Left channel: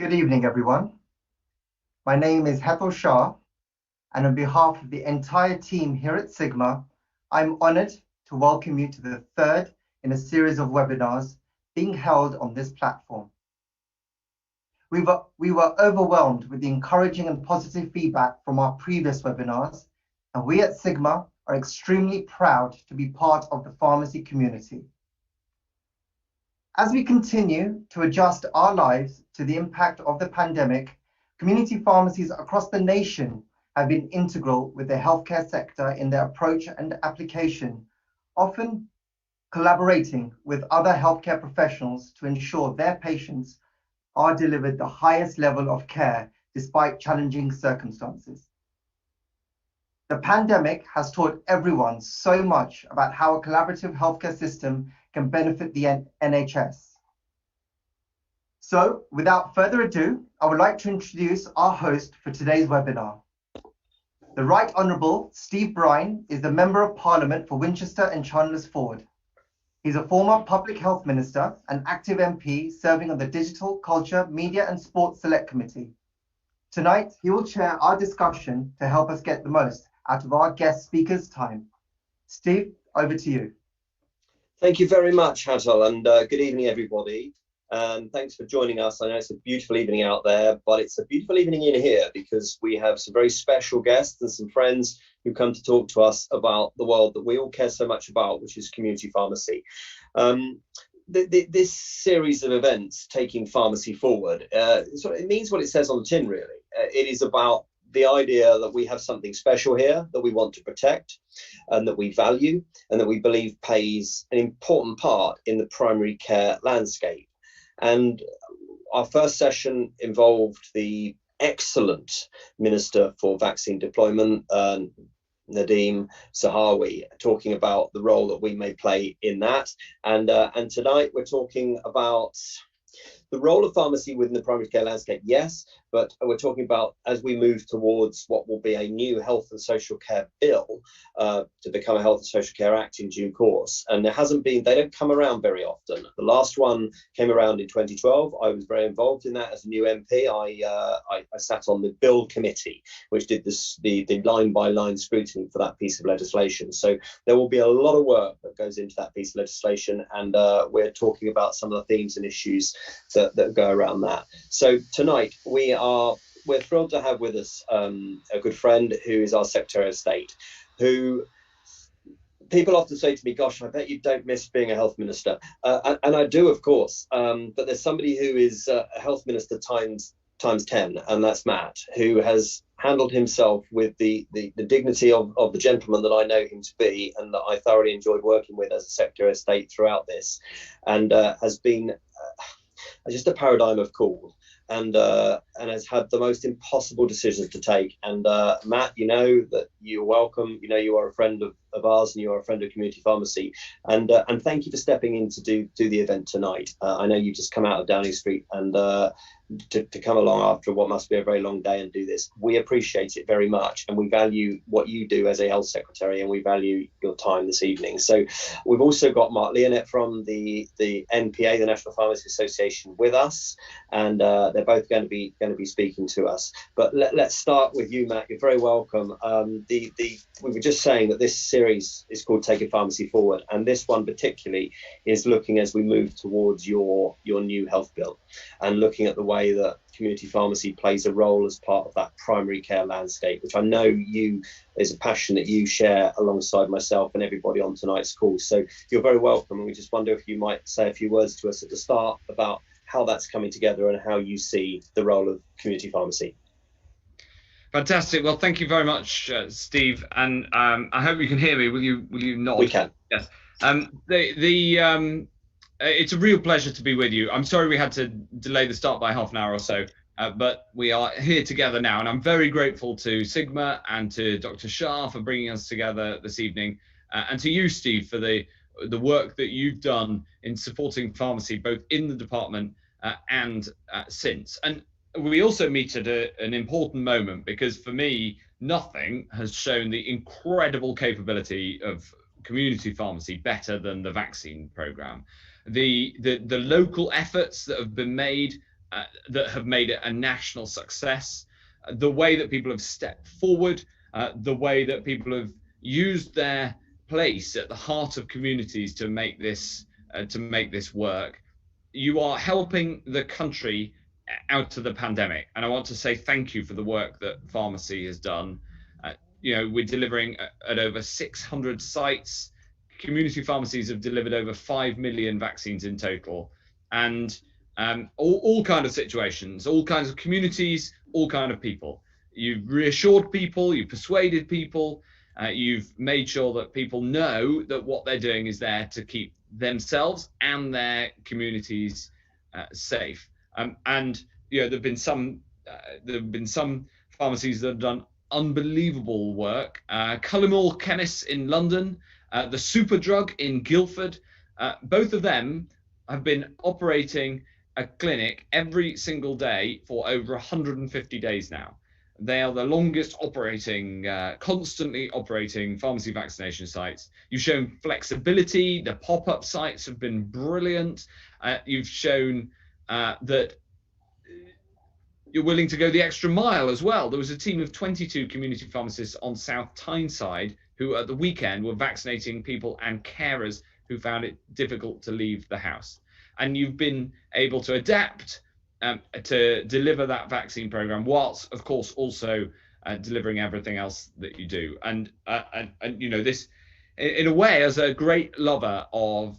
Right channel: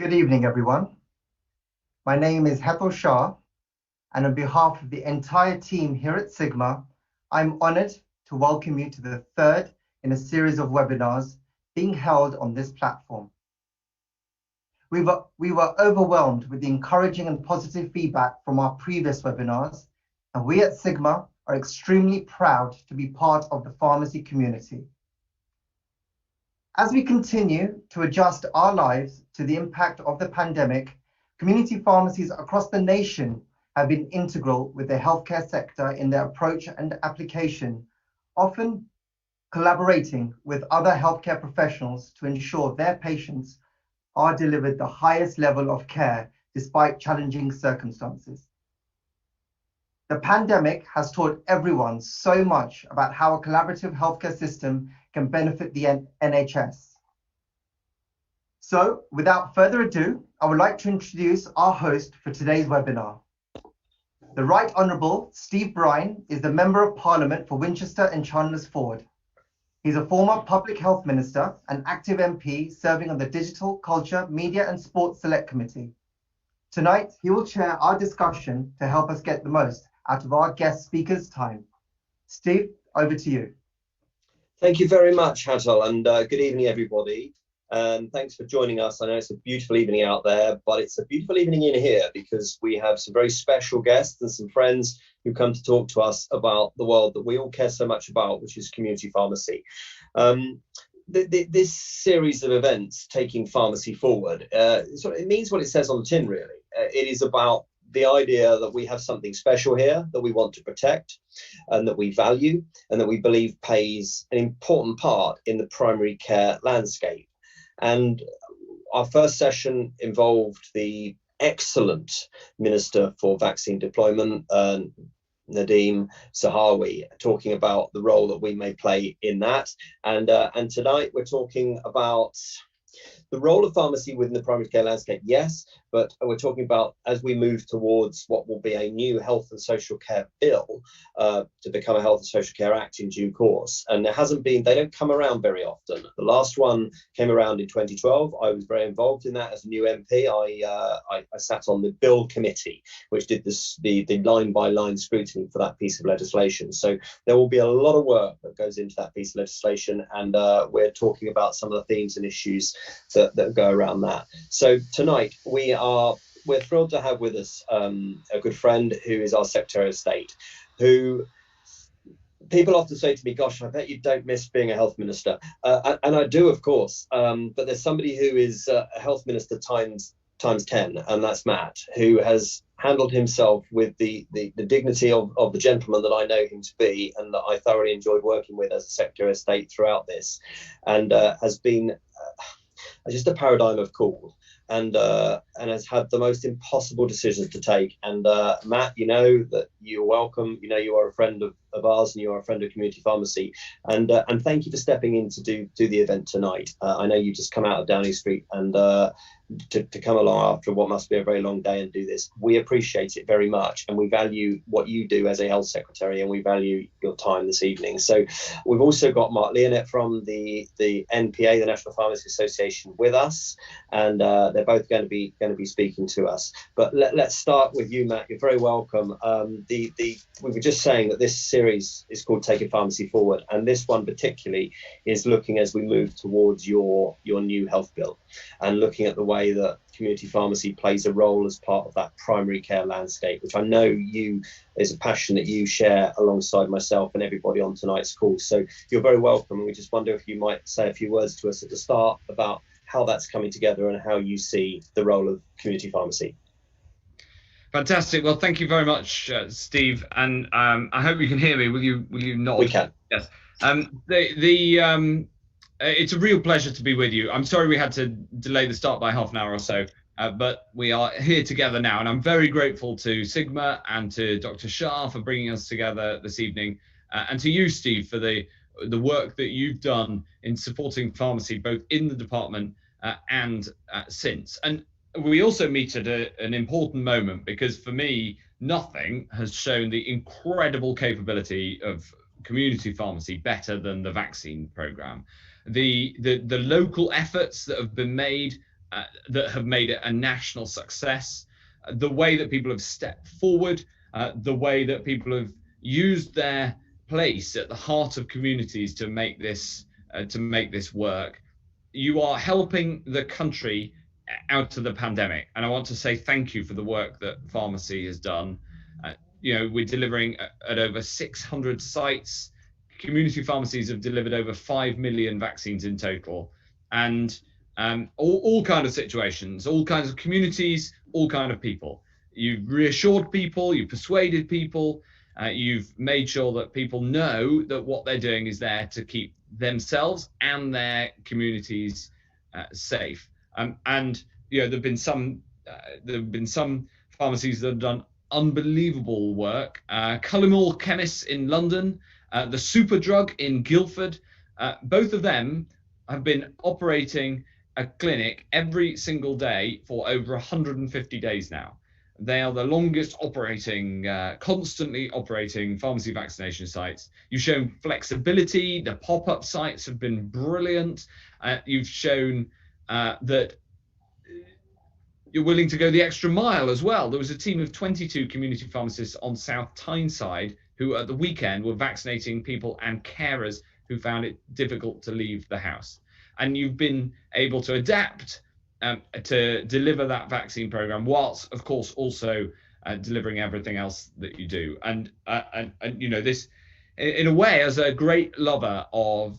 Good evening, everyone. My name is Hetal Shah, and on behalf of the entire team here at Sigma, I'm honored to welcome you to the third in a series of webinars being held on this platform. We were overwhelmed with the encouraging and positive feedback from our previous webinars, and we at Sigma are extremely proud to be part of the pharmacy community. As we continue to adjust our lives to the impact of the pandemic, community pharmacies across the nation have been integral with the healthcare sector in their approach and application, often collaborating with other healthcare professionals to ensure their patients are delivered the highest level of care despite challenging circumstances. The pandemic has taught everyone so much about how a collaborative healthcare system can benefit the NHS. So, without further ado, I would like to introduce our host for today's webinar. The Right Honourable Steve Brine is the Member of Parliament for Winchester and Chandler's Ford. He's a former Public Health Minister and active MP serving on the Digital, Culture, Media and Sports Select Committee. Tonight, he will chair our discussion to help us get the most out of our guest speakers' time. Steve, over to you. Thank you very much, Hazel, and good evening, everybody. And thanks for joining us. I know it's a beautiful evening out there, but it's a beautiful evening in here because we have some very special guests and some friends who come to talk to us about the world that we all care so much about, which is community pharmacy. This series of events, Taking Pharmacy Forward, it means what it says on the tin, really. It is about the idea that we have something special here that we want to protect and that we value and that we believe plays an important part in the primary care landscape. And our first session involved the excellent Minister for Vaccine Deployment, Nadeem Zahawi, talking about the role that we may play in that. And tonight we're talking about the role of pharmacy within the primary care landscape, yes, but we're talking about as we move towards what will be a new health and social care bill to become a Health and Social Care Act in due course. And they don't come around very often. The last one came around in 2012. I was very involved in that as a new MP. I sat on the bill committee, which did the line by line scrutiny for that piece of legislation. So there will be a lot of work that goes into that piece of legislation. And we're talking about some of the themes and issues that go around that. So tonight we're thrilled to have with us a good friend who is our Secretary of State, who people often say to me, gosh, I bet you don't miss being a health minister. And I do, of course, but there's somebody who is a health minister times 10, and that's Matt, who has handled himself with the dignity of the gentleman that I know him to be and that I thoroughly enjoyed working with as a Secretary of State throughout this, and has been just a paradigm of cool, and has had the most impossible decisions to take. And Matt, you know that you're welcome. You know you are a friend of ours, and you are a friend of community pharmacy. And thank you for stepping in to do the event tonight. I know you just come out of Downing Street and to come along after what must be a very long day and do this. We appreciate it very much, and we value what you do as a health secretary, and we value your time this evening. So we've also got Mark Leonet from the NPA, the National Pharmacy Association, with us, and they're both going to be speaking to us. But let's start with you, Matt. You're very welcome. We were just saying that this series is called Taking Pharmacy Forward, and this one particularly is looking as we move towards your new health bill, and looking at the way that community pharmacy plays a role as part of that primary care landscape, which I know is a passion that you share alongside myself and everybody on tonight's call. So you're very welcome, and we just wonder if you might say a few words to us at the start about how that's coming together and how you see the role of community pharmacy. Fantastic. Well, thank you very much, Steve, and I hope you can hear me. Will you nod? We can. Yes. It's a real pleasure to be with you. I'm sorry we had to delay the start by half an hour or so, but we are here together now, and I'm very grateful to Sigma and to Dr. Shah for bringing us together this evening, and to you, Steve, for the work that you've done in supporting pharmacy both in the department and since. And we also meet at an important moment, because for me, nothing has shown the incredible capability of community pharmacy better than the vaccine program. The local efforts that have been made that have made it a national success, the way that people have stepped forward, the way that people have used their place at the heart of communities to make this work. You are helping the country out of the pandemic, and I want to say thank you for the work that pharmacy has done. We're delivering at over 600 sites. Community pharmacies have delivered over 5 million vaccines in total, and all kinds of situations, all kinds of communities, all kinds of people. You've reassured people, you've persuaded people, you've made sure that people know that what they're doing is there to keep themselves and their communities safe. And there've been some pharmacies that have done unbelievable work. Cullimore Chemists in London, the Superdrug in Guildford, both of them have been operating a clinic every single day for over 150 days now. They are the longest operating, constantly operating pharmacy vaccination sites. You've shown flexibility. The pop-up sites have been brilliant. You've shown that you're willing to go the extra mile as well. There was a team of 22 community pharmacists on South Tyneside who at the weekend were vaccinating people and carers who found it difficult to leave the house. And you've been able to adapt to deliver that vaccine program, whilst of course also delivering everything else that you do. And this, in a way, as a great lover of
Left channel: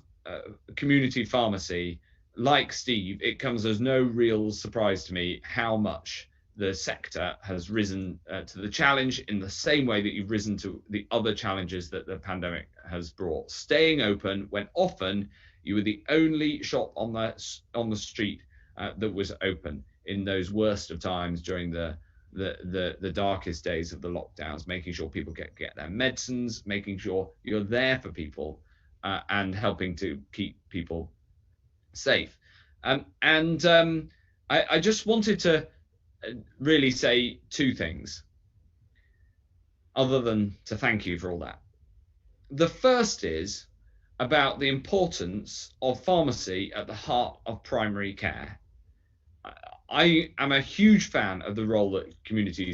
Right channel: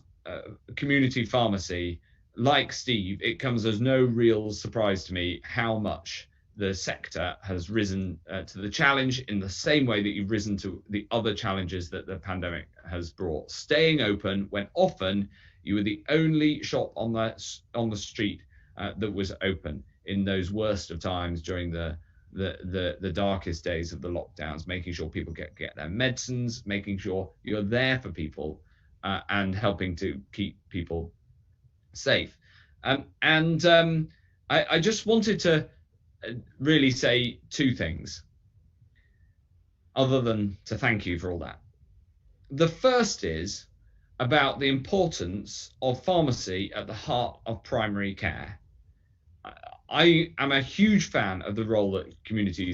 community pharmacy, like Steve, it comes as no real surprise to me how much the sector has risen to the challenge in the same way that you've risen to the other challenges that the pandemic has brought. Staying open when often you were the only shop on the street that was open in those worst of times during the darkest days of the lockdowns, making sure people get their medicines, making sure you're there for people and helping to keep people safe. I just wanted to really say two things other than to thank you for all that. The first is about the importance of pharmacy at the heart of primary care. I am a huge fan of the role that community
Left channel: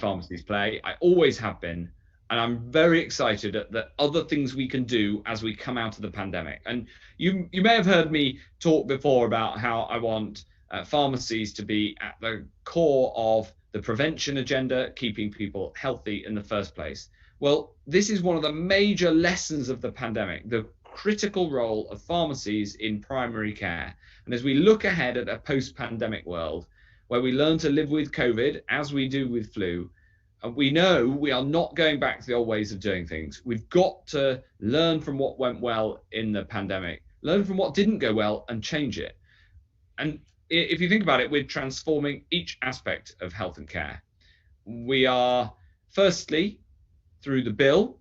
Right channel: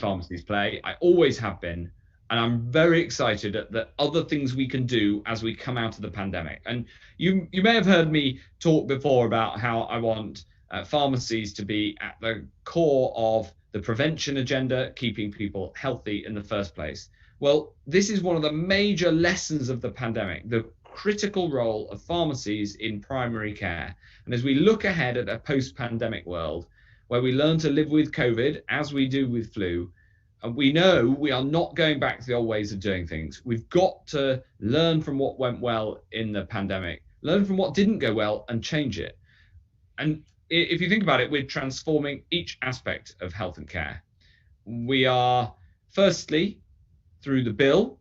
pharmacies play. I always have been, and I'm very excited at the other things we can do as we come out of the pandemic. And you may have heard me talk before about how I want pharmacies to be at the core of the prevention agenda, keeping people healthy in the first place. Well, this is one of the major lessons of the pandemic, the critical role of pharmacies in primary care. And as we look ahead at a post-pandemic world where we learn to live with COVID as we do with flu, and we know we are not going back to the old ways of doing things. We've got to learn from what went well in the pandemic, learn from what didn't go well and change it. And if you think about it, we're transforming each aspect of health and care. We are, firstly, through the bill,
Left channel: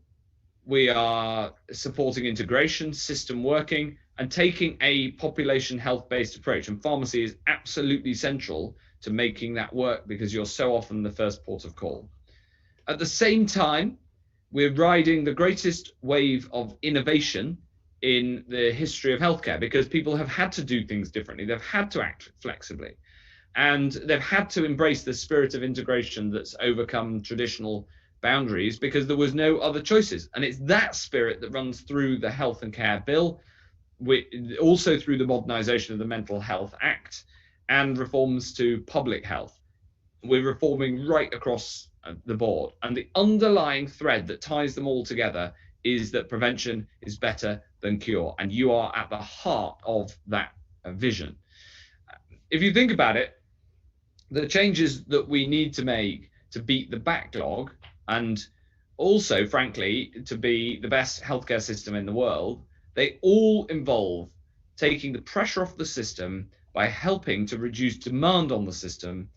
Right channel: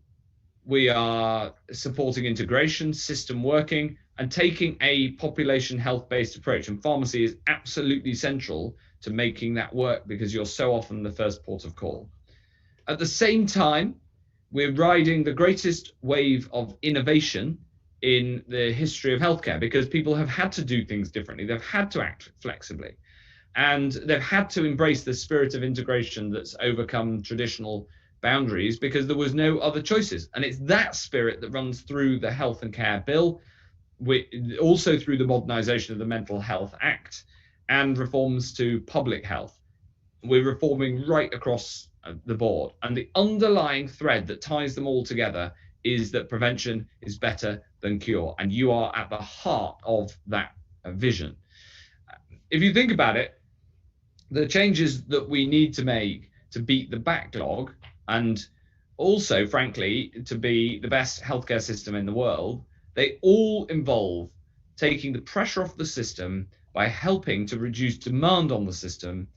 we are supporting integration, system working, and taking a population health-based approach. And pharmacy is absolutely central to making that work because you're so often the first port of call. At the same time, we're riding the greatest wave of innovation in the history of healthcare because people have had to do things differently. They've had to act flexibly, and they've had to embrace the spirit of integration that's overcome traditional boundaries because there was no other choices. And it's that spirit that runs through the Health and Care Bill, also through the modernisation of the Mental Health Act and reforms to public health. We're reforming right across the board. And the underlying thread that ties them all together is that prevention is better than cure. And you are at the heart of that vision. If you think about it, the changes that we need to make to beat the backlog and also, frankly, to be the best healthcare system in the world, they all involve taking the pressure off the system by helping to reduce demand on the system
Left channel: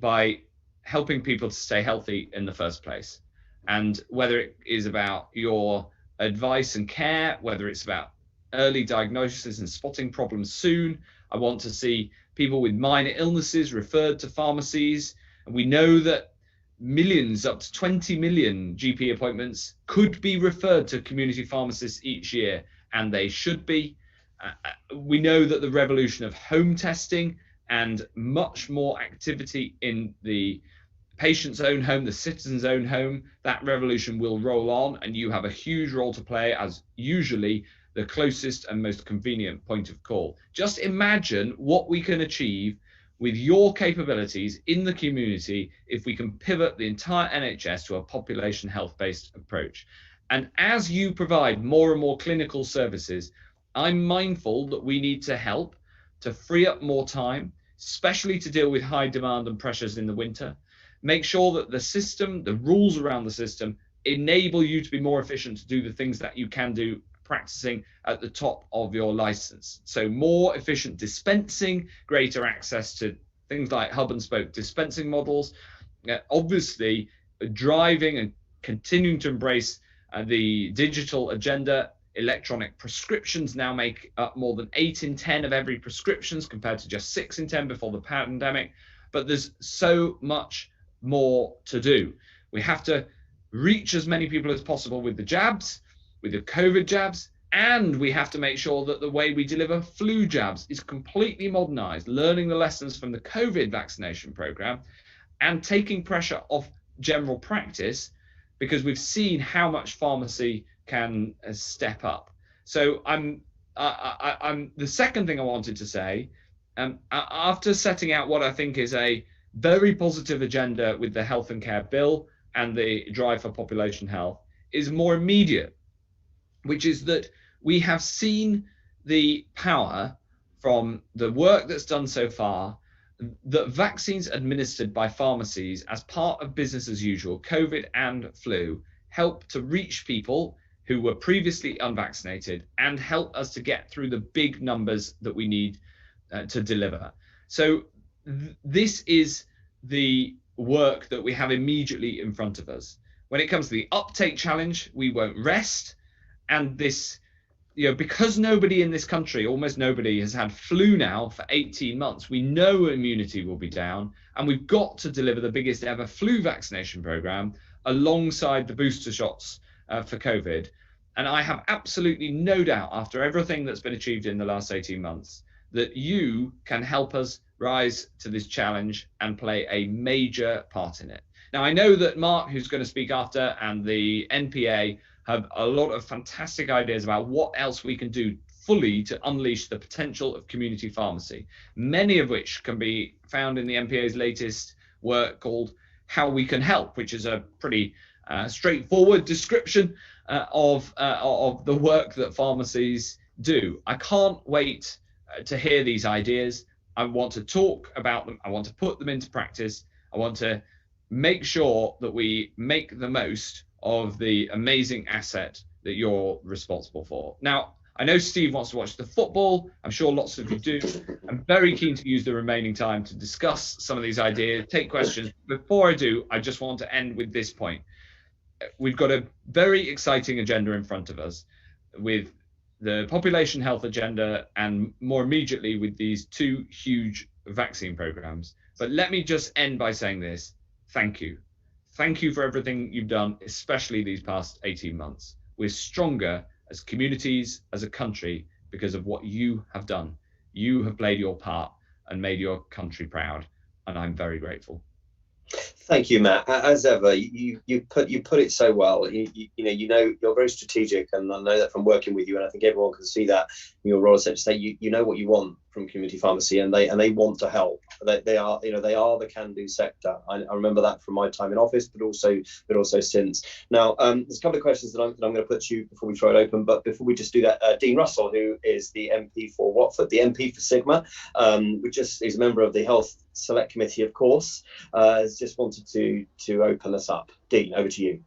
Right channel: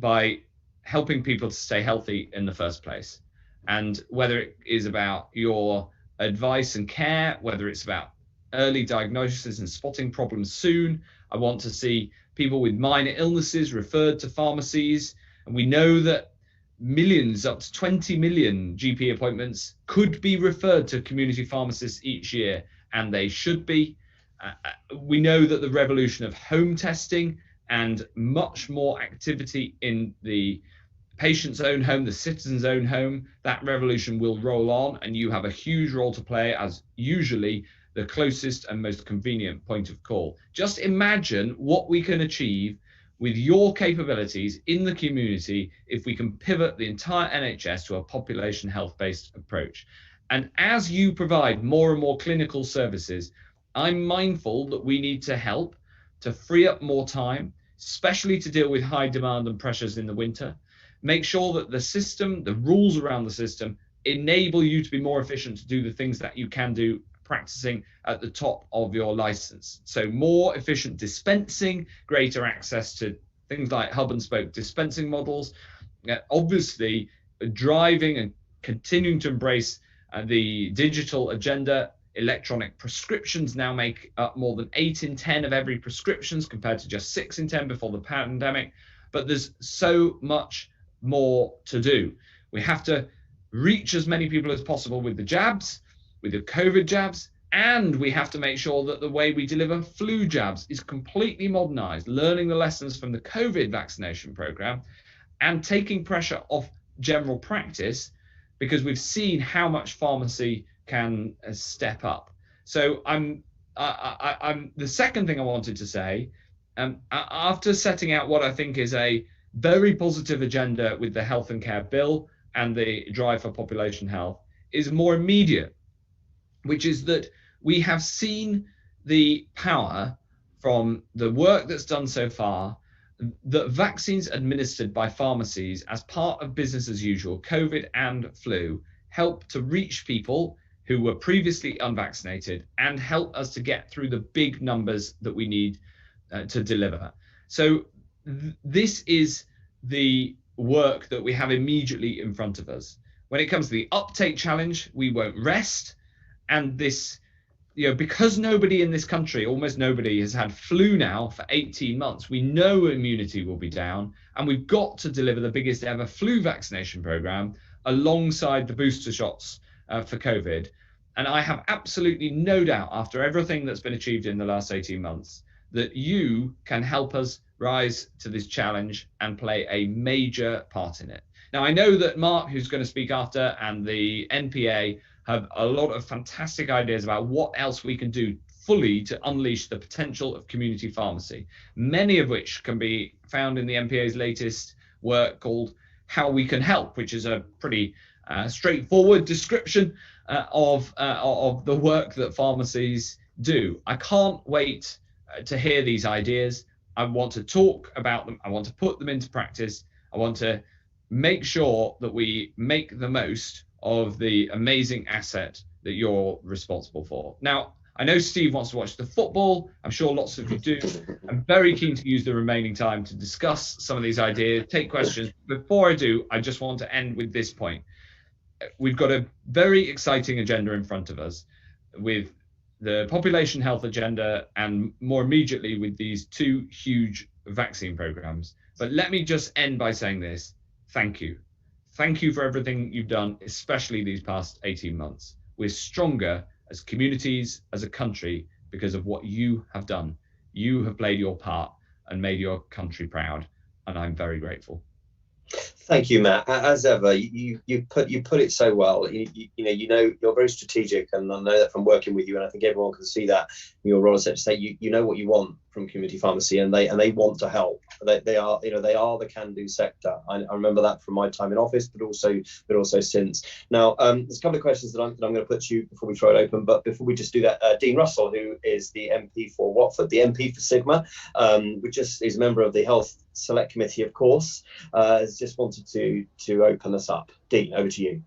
by helping people to stay healthy in the first place. And whether it is about your advice and care, whether it's about early diagnosis and spotting problems soon, I want to see people with minor illnesses referred to pharmacies. And we know that millions, up to 20 million GP appointments could be referred to community pharmacists each year, and they should be. We know that the revolution of home testing and much more activity in the patient's own home, the citizen's own home, that revolution will roll on, and you have a huge role to play as usually the closest and most convenient point of call. Just imagine what we can achieve with your capabilities in the community if we can pivot the entire NHS to a population health-based approach. And as you provide more and more clinical services, I'm mindful that we need to help to free up more time, especially to deal with high demand and pressures in the winter. Make sure that the system, the rules around the system, enable you to be more efficient to do the things that you can do practicing at the top of your license. So more efficient dispensing, greater access to things like hub and spoke dispensing models, obviously driving and continuing to embrace the digital agenda. Electronic prescriptions now make up more than 8 in 10 of every prescriptions compared to just 6 in 10 before the pandemic. But there's so much more to do. We have to reach as many people as possible with the jabs, with the COVID jabs, and we have to make sure that the way we deliver flu jabs is completely modernized, learning the lessons from the COVID vaccination program and taking pressure off general practice, because we've seen how much pharmacy can step up. So I'm the second thing I wanted to say, after setting out what I think is a very positive agenda with the health and care bill and the drive for population health, is more immediate, which is that we have seen the power from the work that's done so far that vaccines administered by pharmacies as part of business as usual, COVID and flu, help to reach people who were previously unvaccinated and help us to get through the big numbers that we need to deliver. So this is the work that we have immediately in front of us. When it comes to the uptake challenge, we won't rest. And this, because nobody in this country, almost nobody, has had flu now for 18 months, we know immunity will be down, and we've got to deliver the biggest ever flu vaccination program alongside the booster shots for COVID. And I have absolutely no doubt, after everything that's been achieved in the last 18 months, that you can help us rise to this challenge and play a major part in it. Now, I know that Mark, who's going to speak after, and the NPA have a lot of fantastic ideas about what else we can do fully to unleash the potential of community pharmacy, many of which can be found in the NPA's latest work called How We Can Help, which is a pretty straightforward description of the work that pharmacies do. I can't wait to hear these ideas. I want to talk about them. I want to put them into practice. I want to make sure that we make the most of the amazing asset that you're responsible for. Now, I know Steve wants to watch the football. I'm sure lots of you do. I'm very keen to use the remaining time to discuss some of these ideas, take questions. Before I do, I just want to end with this point. We've got a very exciting agenda in front of us with the population health agenda and more immediately with these two huge vaccine programs. But let me just end by saying this. Thank you. Thank you for everything you've done, especially these past 18 months. We're stronger as communities, as a country, because of what you have done. You have played your part and made your country proud, and I'm very grateful. Thank you, Matt. As ever, you put it so well. You know you're very strategic, and I know that from working with you, and I think everyone can see that in your role as secretary. You know what you want from community pharmacy, and they want to help. They are the can-do sector. I remember that from my time in office, but also since. Now, there's a couple of questions that I'm going to put to you before we throw it open. But before we just do that, Dean Russell, who is the MP for Watford, the MP for Sigma, which is a member of the Health Select Committee, of course, has just wanted to open us up. Dean, over to you.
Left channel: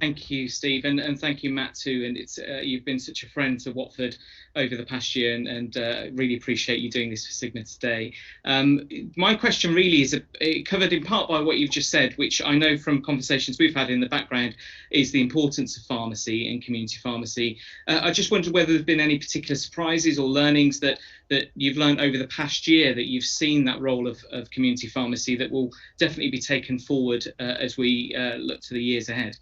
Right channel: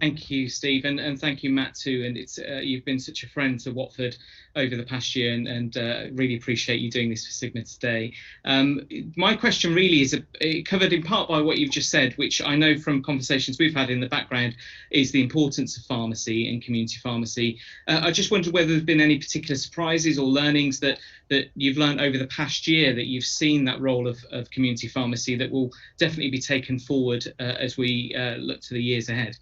Thank you, Steve, and thank you, Matt, too. And it's you've been such a friend to Watford over the past year, and really appreciate you doing this for Sigma today. My question really is covered in part by what you've just said, which I know from conversations we've had in the background is the importance of pharmacy and community pharmacy. I just wondered whether there's been any particular surprises or learnings that you've learned over the past year that you've seen that role of community pharmacy that will definitely be taken forward as we look to the years ahead.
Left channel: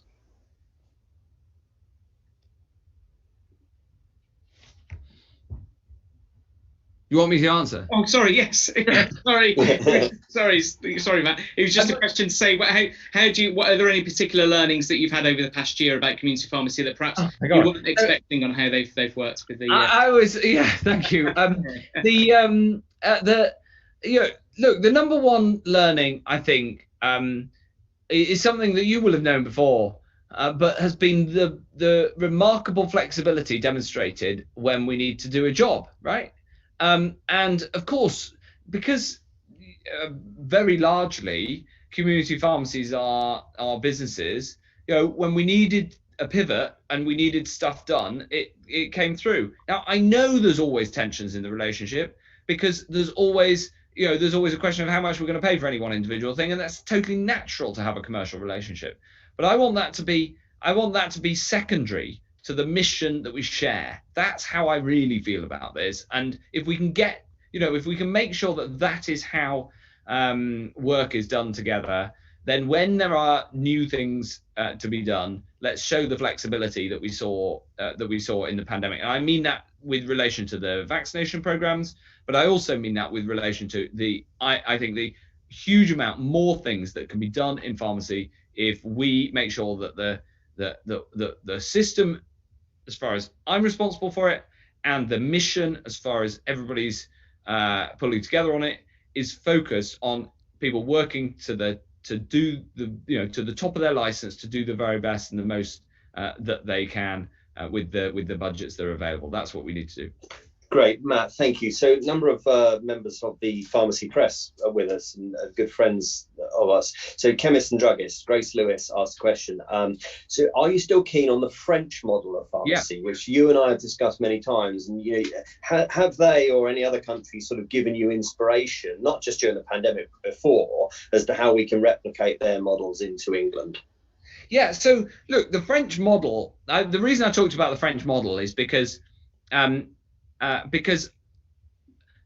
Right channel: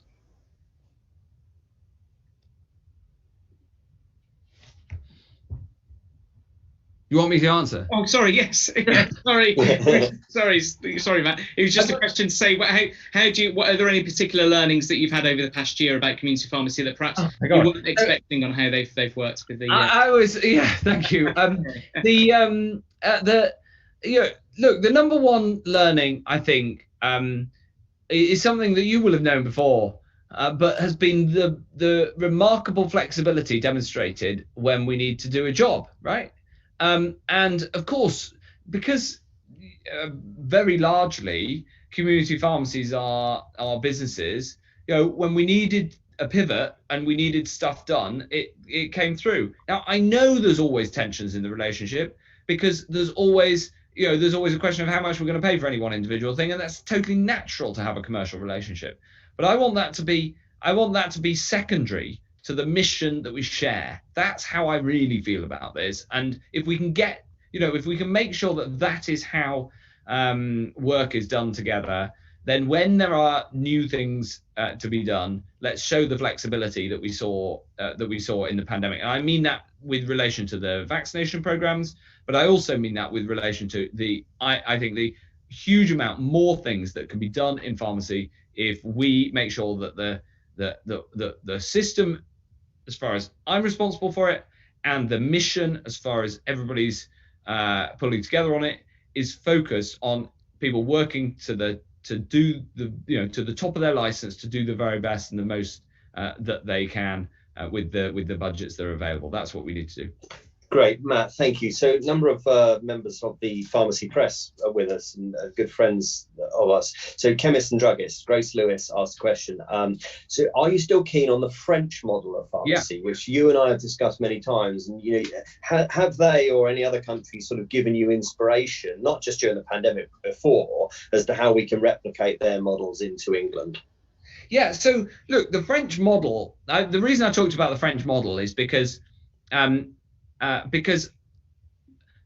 You want me to answer? Oh, sorry. Yes. sorry. sorry, Matt. It was just a question to say, what are there any particular learnings that you've had over the past year about community pharmacy that perhaps you weren't expecting on how they've worked with the? Thank you. Look, the number one learning, I think, is something that you will have known before, but has been the remarkable flexibility demonstrated when we need to do a job, right? And of course, because very largely community pharmacies are businesses, when we needed a pivot and we needed stuff done, it came through. Now, I know there's always tensions in the relationship, because there's always a question of how much we're going to pay for any one individual thing, and that's totally natural to have a commercial relationship. But I want that to be secondary to the mission that we share. That's how I really feel about this. And if we can if we can make sure that is how work is done together, then when there are new things to be done, let's show the flexibility that we saw in the pandemic. And I mean that with relation to the vaccination programs, but I also mean that with relation to I think the huge amount more things that can be done in pharmacy if we make sure that the system, as far as I'm responsible for it, and the mission, as far as everybody's pulling together on it, is focused on people working to the top of their license to do the very best and the most that they can with the budgets that are available. That's what we need to do. Great, Matt, thank you. So a number of members of the pharmacy press are with us, and good friends of us. So chemist and druggist Grace Lewis asked a question. So are you still keen on the French model of pharmacy, which you and I have discussed many times? And have they or any other countries sort of given you inspiration, not just during the pandemic, but before, as to how we can replicate their models into England? Yeah, so look, the French model, the reason I talked about the French model is because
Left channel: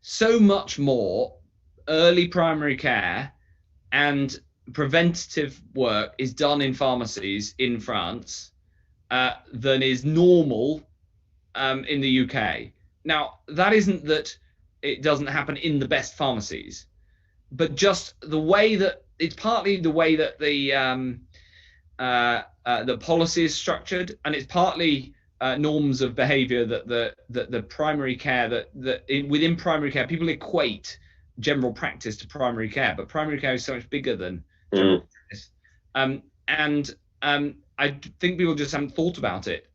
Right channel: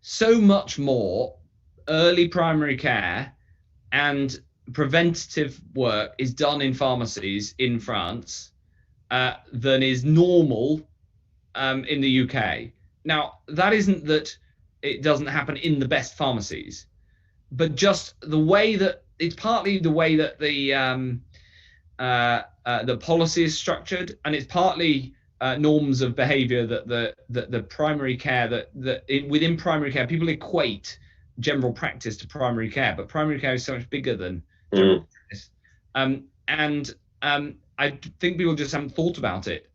so much more early primary care and preventative work is done in pharmacies in France than is normal in the UK. Now, that isn't that it doesn't happen in the best pharmacies, but just the way that it's partly the way that the policy is structured, and it's partly norms of behavior that the primary care within primary care people equate general practice to primary care, but primary care is so much bigger than general practice. I think people just haven't thought about it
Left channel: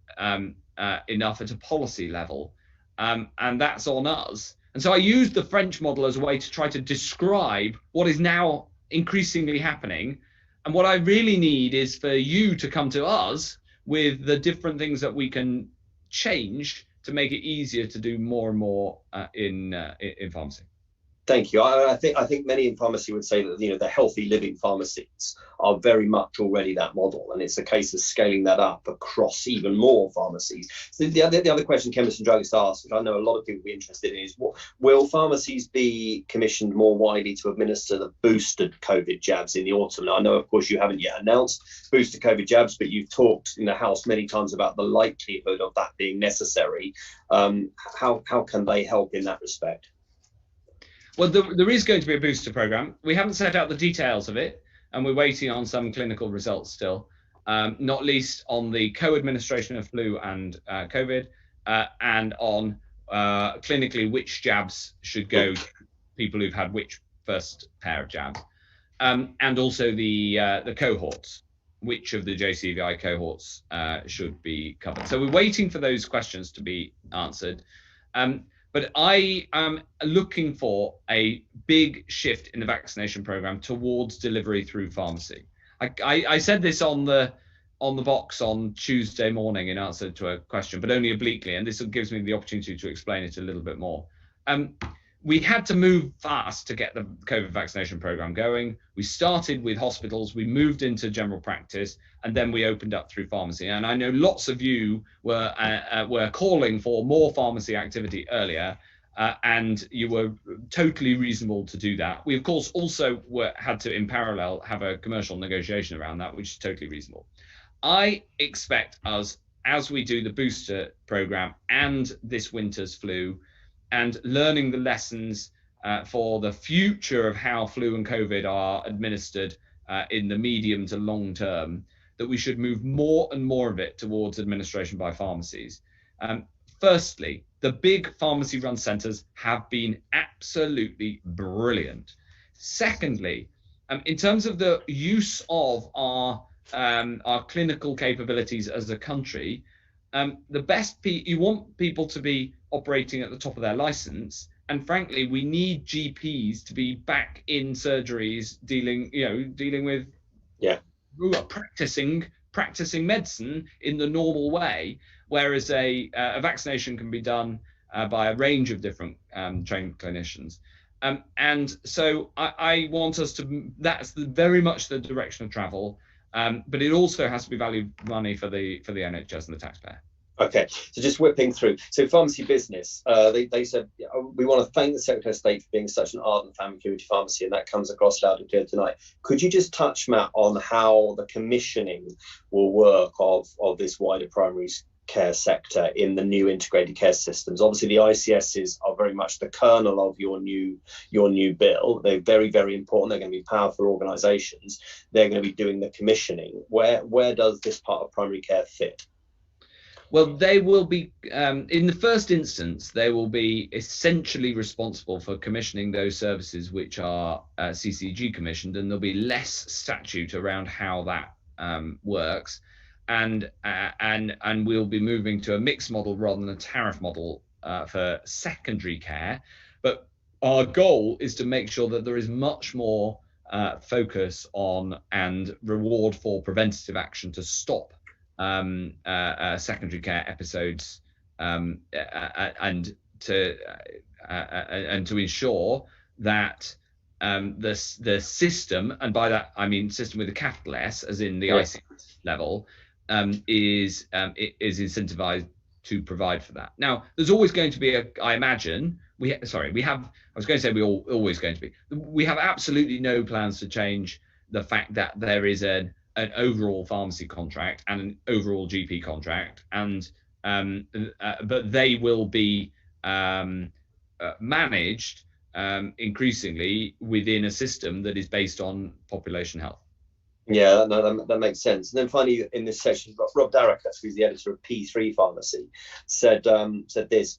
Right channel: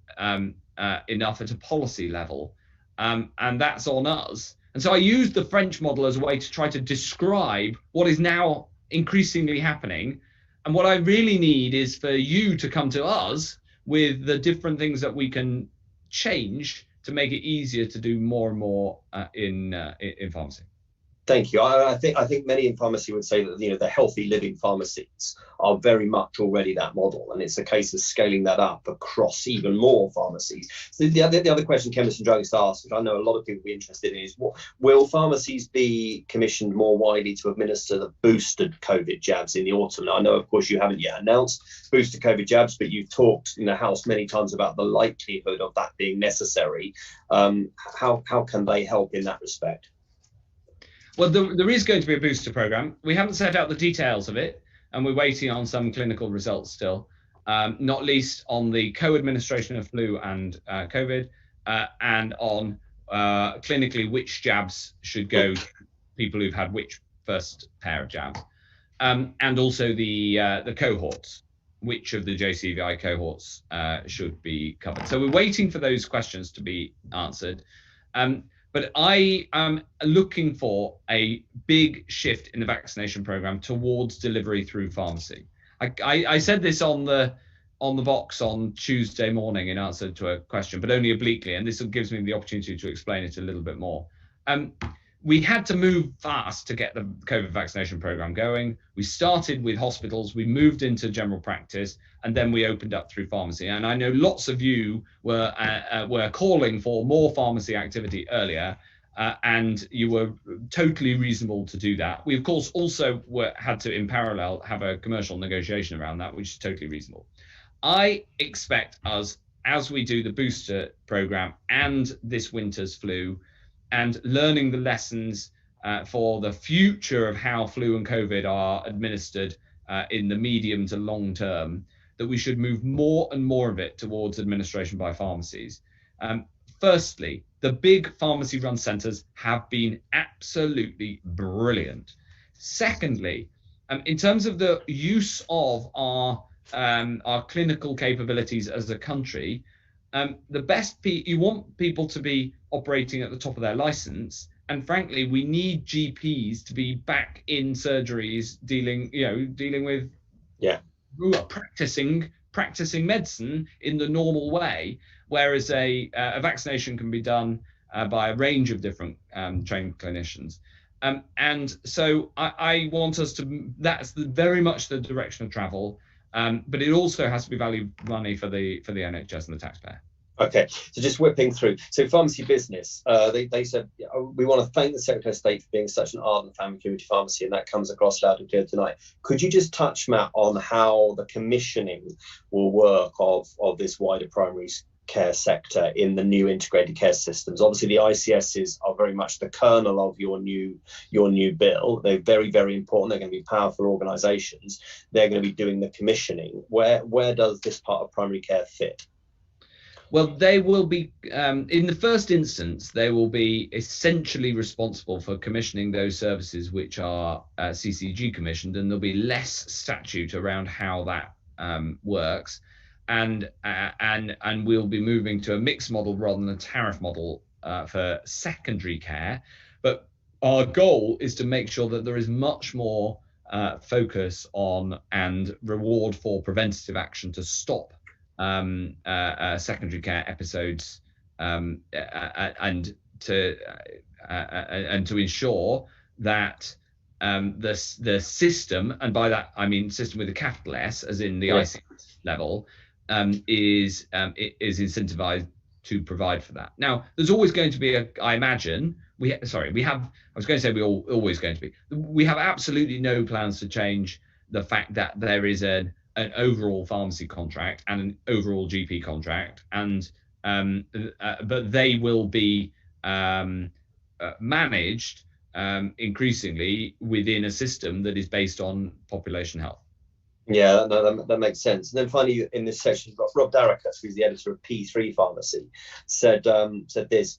enough at a policy level, and that's on us. And so I used the French model as a way to try to describe what is now increasingly happening. And what I really need is for you to come to us with the different things that we can change to make it easier to do more and more in pharmacy. Thank you. I think many in pharmacy would say that the healthy living pharmacies are very much already that model, and it's a case of scaling that up across even more pharmacies. So the other question chemists and druggists asked, which I know a lot of people will be interested in, is will pharmacies be commissioned more widely to administer the boosted COVID jabs in the autumn? Now, I know, of course, you haven't yet announced boosted COVID jabs, but you've talked in the House many times about the likelihood of that being necessary. How can they help in that respect? Well, there is going to be a booster program. We haven't set out the details of it, and we're waiting on some clinical results still, not least on the co-administration of flu and COVID, and on clinically which jabs should go to people who've had which first pair of jabs, and also the cohorts, which of the JCVI cohorts should be covered. So we're waiting for those questions to be answered. But I am looking for a big shift in the vaccination program towards delivery through pharmacy. I said this on the Vox on Tuesday morning in answer to a question, but only obliquely, and this gives me the opportunity to explain it a little bit more. We had to move fast to get the COVID vaccination program going. We started with hospitals, we moved into general practice, and then we opened up through pharmacy. And I know lots of you were calling for more pharmacy activity earlier, and you were totally reasonable to do that. We, of course, also had to, in parallel, have a commercial negotiation around that, which is totally reasonable. I expect us, as we do the booster program and this winter's flu, and learning the lessons for the future of how flu and COVID are administered in the medium to long term, that we should move more and more of it towards administration by pharmacies. Firstly, the big pharmacy-run centres have been absolutely brilliant. Secondly, in terms of the use of our clinical capabilities as a country, you want people to be operating at the top of their license, and frankly, we need GPs to be back in surgeries dealing with who are practicing medicine in the normal way, whereas a vaccination can be done by a range of different trained clinicians. And so I want us to, that's very much the direction of travel, but it also has to be value money for the NHS and the taxpayer. Okay, so just whipping through. So pharmacy business, they said, we want to thank the Secretary of State for being such an ardent fan of community pharmacy, and that comes across loud and clear tonight. Could you just touch, Matt, on how the commissioning will work of this wider primary care sector in the new integrated care systems? Obviously, the ICSs are very much the kernel of your new bill. They're very, very important. They're going to be powerful organisations. They're going to be doing the commissioning. Where does this part of primary care fit? Well, they will be, in the first instance, they will be essentially responsible for commissioning those services which are CCG commissioned, and there'll be less statute around how that works, and we'll be moving to a mixed model rather than a tariff model for secondary care. But our goal is to make sure that there is much more focus on and reward for preventative action to stop secondary care episodes, and to ensure that the system, and by that I mean system with a capital S, as in the ICS level, is incentivized to provide for that. Now, there's always going to be we have absolutely no plans to change the fact that there is an overall pharmacy contract and an overall GP contract, and but they will be managed increasingly within a system that is based on population health. Yeah, that makes sense. And then finally, in this section, Rob Darracus, who's the editor of P3 Pharmacy, said this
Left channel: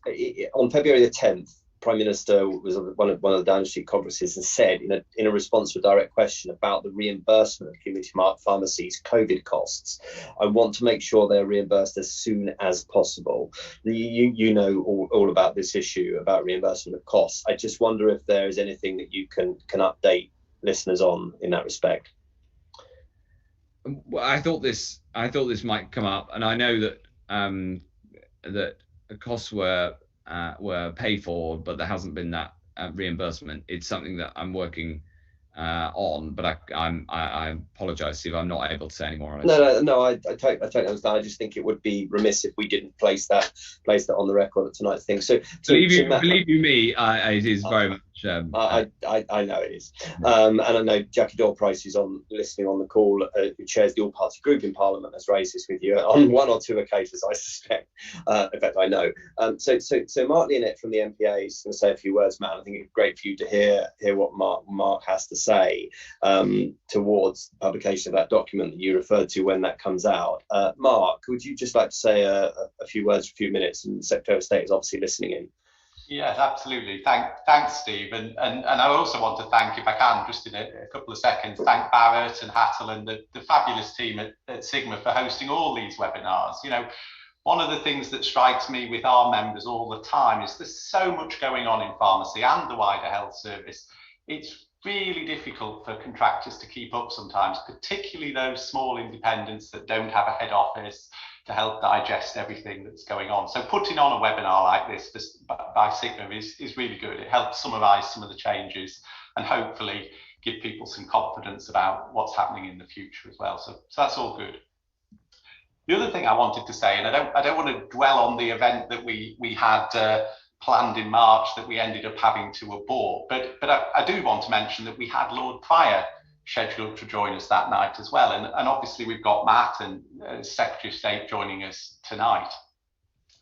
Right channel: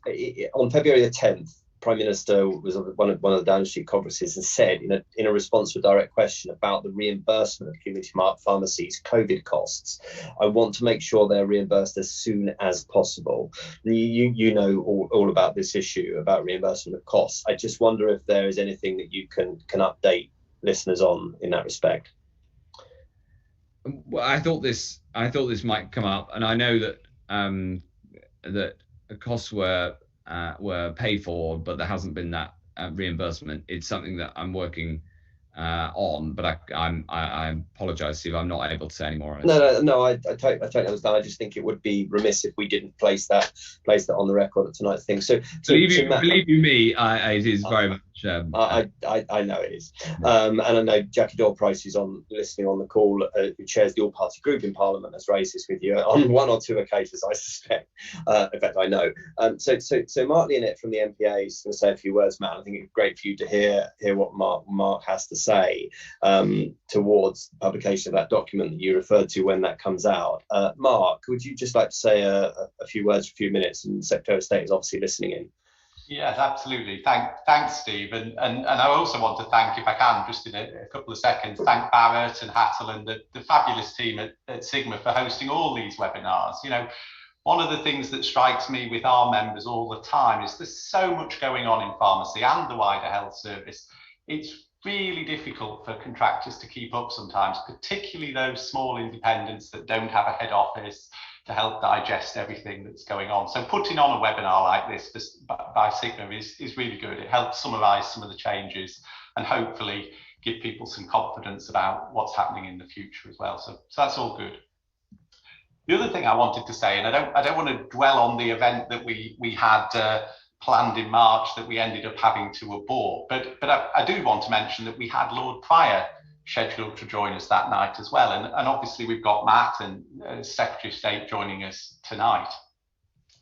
on February the 10th. Prime Minister was on one of the Downing Street conferences and said, in a response to a direct question about the reimbursement of community pharmacies' COVID costs, I want to make sure they're reimbursed as soon as possible. You know all about this issue about reimbursement of costs. I just wonder if there is anything that you can update listeners on in that respect. Well, I thought this might come up, and I know that that the costs were paid for, but there hasn't been that reimbursement. It's something that I'm working on, but I apologise, Steve. I'm not able to say any more on it. No. I totally understand. I just think it would be remiss if we didn't place that on the record at tonight's thing. So believe you me, it is very much. I know it is, and I know Jackie Doyle-Price, who's listening on the call, who chairs the all-party group in Parliament, has raised this with you on one or two occasions, I suspect. In fact, I know. So Mark Leonette from the MPA is going to say a few words, Matt. I think it's great for you to hear what Mark has to say towards the publication of that document that you referred to when that comes out. Mark, would you just like to say a few words for a few minutes? And the Secretary of State is obviously listening in. Yes, absolutely. Thanks, Steve. And I also want to thank, if I can, just in a couple of seconds, thank Barrett and Hattel and the fabulous team at Sigma for hosting all these webinars. One of the things that strikes me with our members all the time is there's so much going on in pharmacy and the wider health service. It's really difficult for contractors to keep up sometimes, particularly those small independents that don't have a head office to help digest everything that's going on. So putting on a webinar like this by Sigma is really good. It helps summarise some of the changes and hopefully give people some confidence about what's happening in the future as well. So that's all good. The other thing I wanted to say, and I don't want to dwell on the event that we had planned in March that we ended up having to abort, but I do want to mention that we had Lord Pryor scheduled to join us that night as well, and obviously we've got Matt and Secretary of State joining us tonight.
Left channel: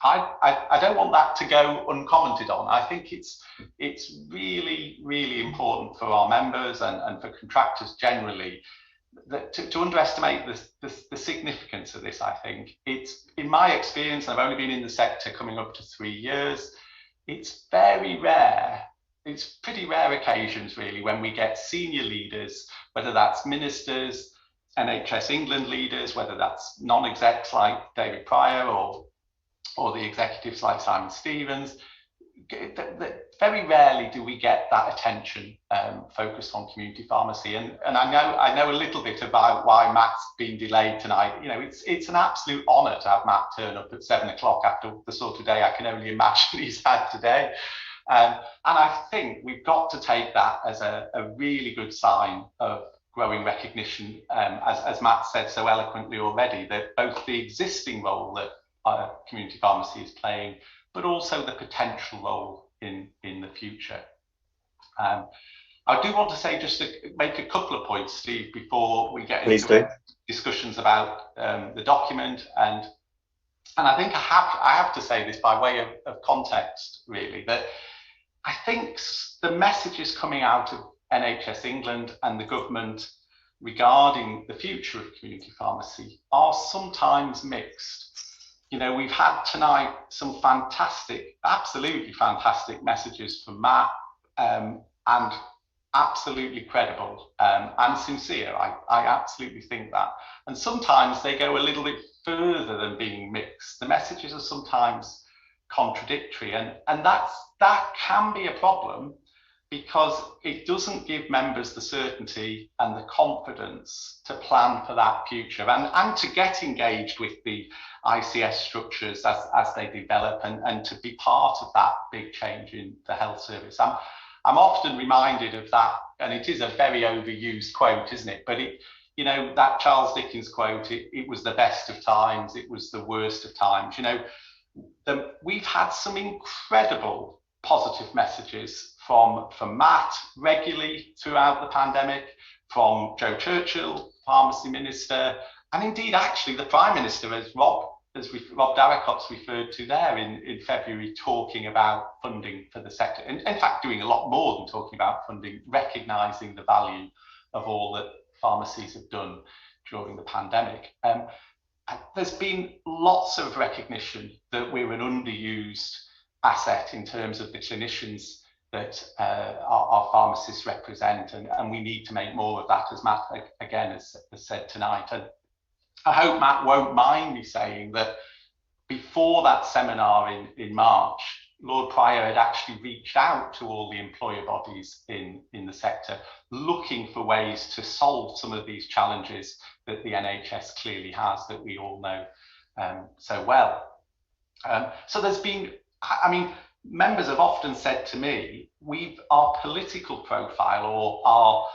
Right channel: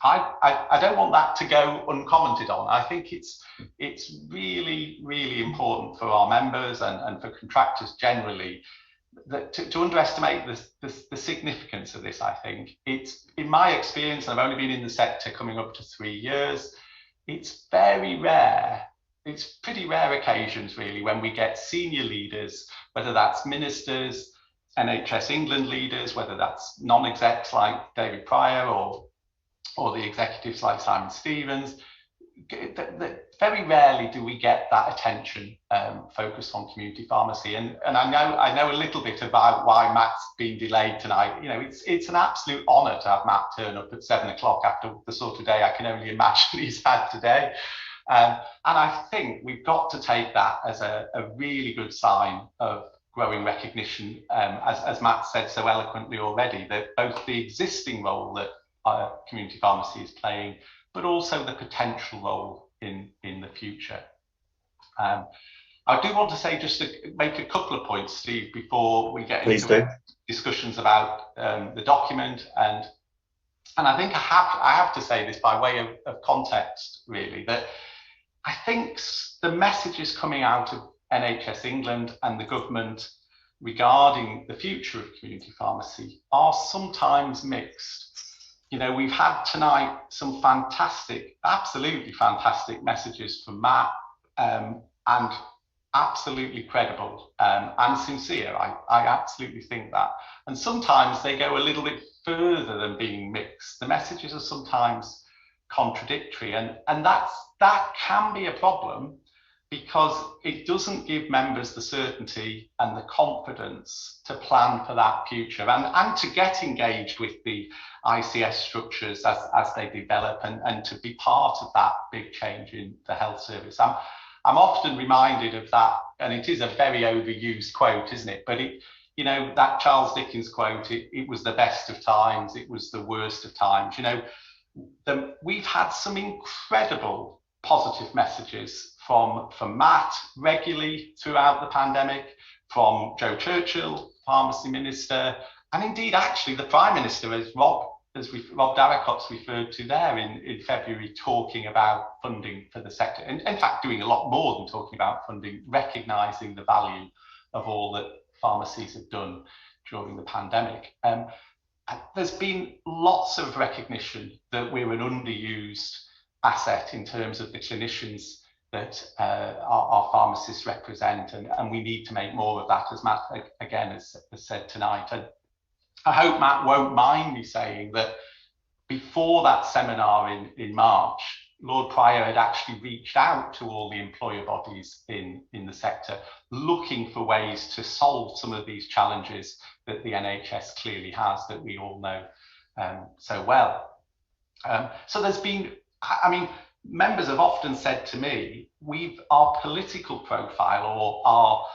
I don't want that to go uncommented on. I think it's really, really important for our members and for contractors generally that to underestimate the significance of this. I think it's, in my experience, and I've only been in the sector coming up to 3 years, it's very rare. It's pretty rare occasions really when we get senior leaders, whether that's ministers, NHS England leaders, whether that's non-execs like David Pryor or the executives like Simon Stevens. Very rarely do we get that attention focused on community pharmacy, and I know a little bit about why Matt's been delayed tonight. You know, it's an absolute honour to have Matt turn up at 7 o'clock after the sort of day I can only imagine he's had today, and I think we've got to take that as a really good sign of growing recognition, as Matt said so eloquently already, that both the existing role that community pharmacy is playing, but also the potential role in the future. I do want to say, just to make a couple of points, Steve, before we get into discussions about the document, and I think I have to say this by way of context, really, that I think the messages coming out of NHS England and the government regarding the future of community pharmacy are sometimes mixed. You know, we've had tonight some fantastic, absolutely fantastic messages from Matt, and absolutely credible and sincere. I absolutely think that. And sometimes they go a little bit further than being mixed. The messages are sometimes contradictory, and that can be a problem, because it doesn't give members the certainty and the confidence to plan for that future and to get engaged with the ICS structures as they develop and to be part of that big change in the health service. I'm often reminded of that, and it is a very overused quote, isn't it? But you know, that Charles Dickens quote, it was the best of times, it was the worst of times. You know, we've had some incredible positive messages from Matt regularly throughout the pandemic, from Joe Churchill, Pharmacy Minister, and indeed actually the Prime Minister, as Rob Darracot's referred to there in February, talking about funding for the sector, and in fact doing a lot more than talking about funding, recognising the value of all that pharmacies have done during the pandemic. There's been lots of recognition that we're an underused asset in terms of the clinicians that our pharmacists represent, and we need to make more of that, as Matt again has said tonight. And I hope Matt won't mind me saying that before that seminar in March, Lord Pryor had actually reached out to all the employer bodies in the sector, looking for ways to solve some of these challenges that the NHS clearly has, that we all know so well. So there's been, I mean, members have often said to me, our political profile or our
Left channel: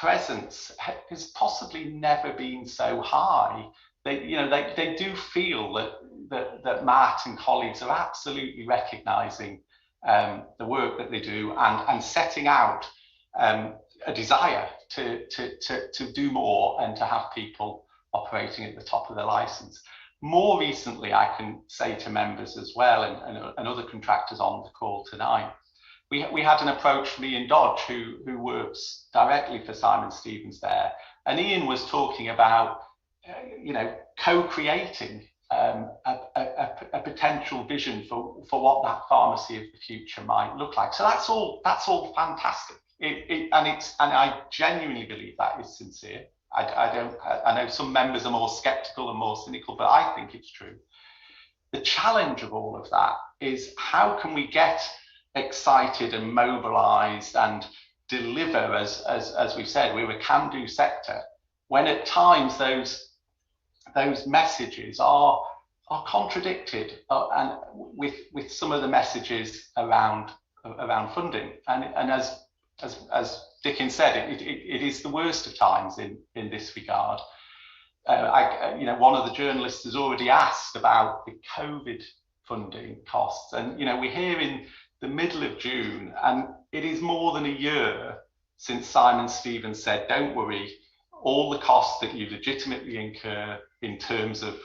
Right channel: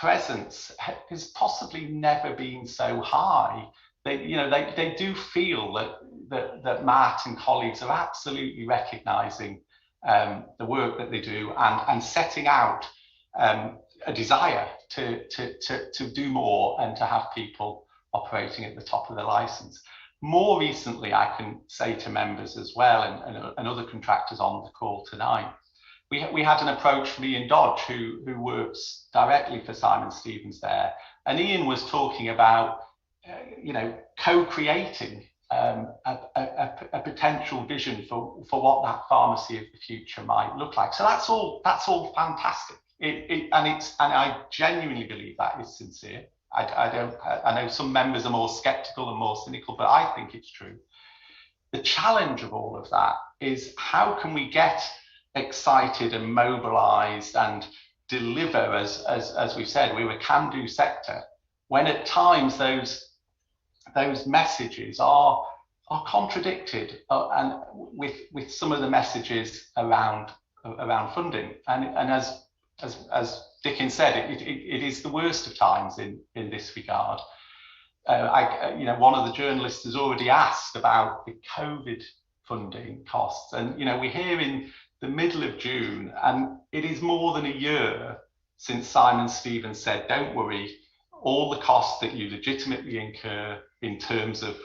presence has possibly never been so high. They do feel that Matt and colleagues are absolutely recognising the work that they do and setting out a desire to do more and to have people operating at the top of their licence. More recently, I can say to members as well, and other contractors on the call tonight, we had an approach from Ian Dodge, who works directly for Simon Stevens there, and Ian was talking about co-creating a potential vision for what that pharmacy of the future might look like. So that's all fantastic. And I genuinely believe that is sincere. I know some members are more skeptical and more cynical, but I think it's true. The challenge of all of that is, how can we get excited and mobilized and deliver, as we've said, we're a can-do sector, when at times those messages are contradicted and with some of the messages around funding, and as Dickens said, it is the worst of times in this regard. One of the journalists has already asked about the COVID funding costs, and we're here in the middle of June, and it is more than a year since Simon Stevens said, "Don't worry, all the costs that you legitimately incur in terms of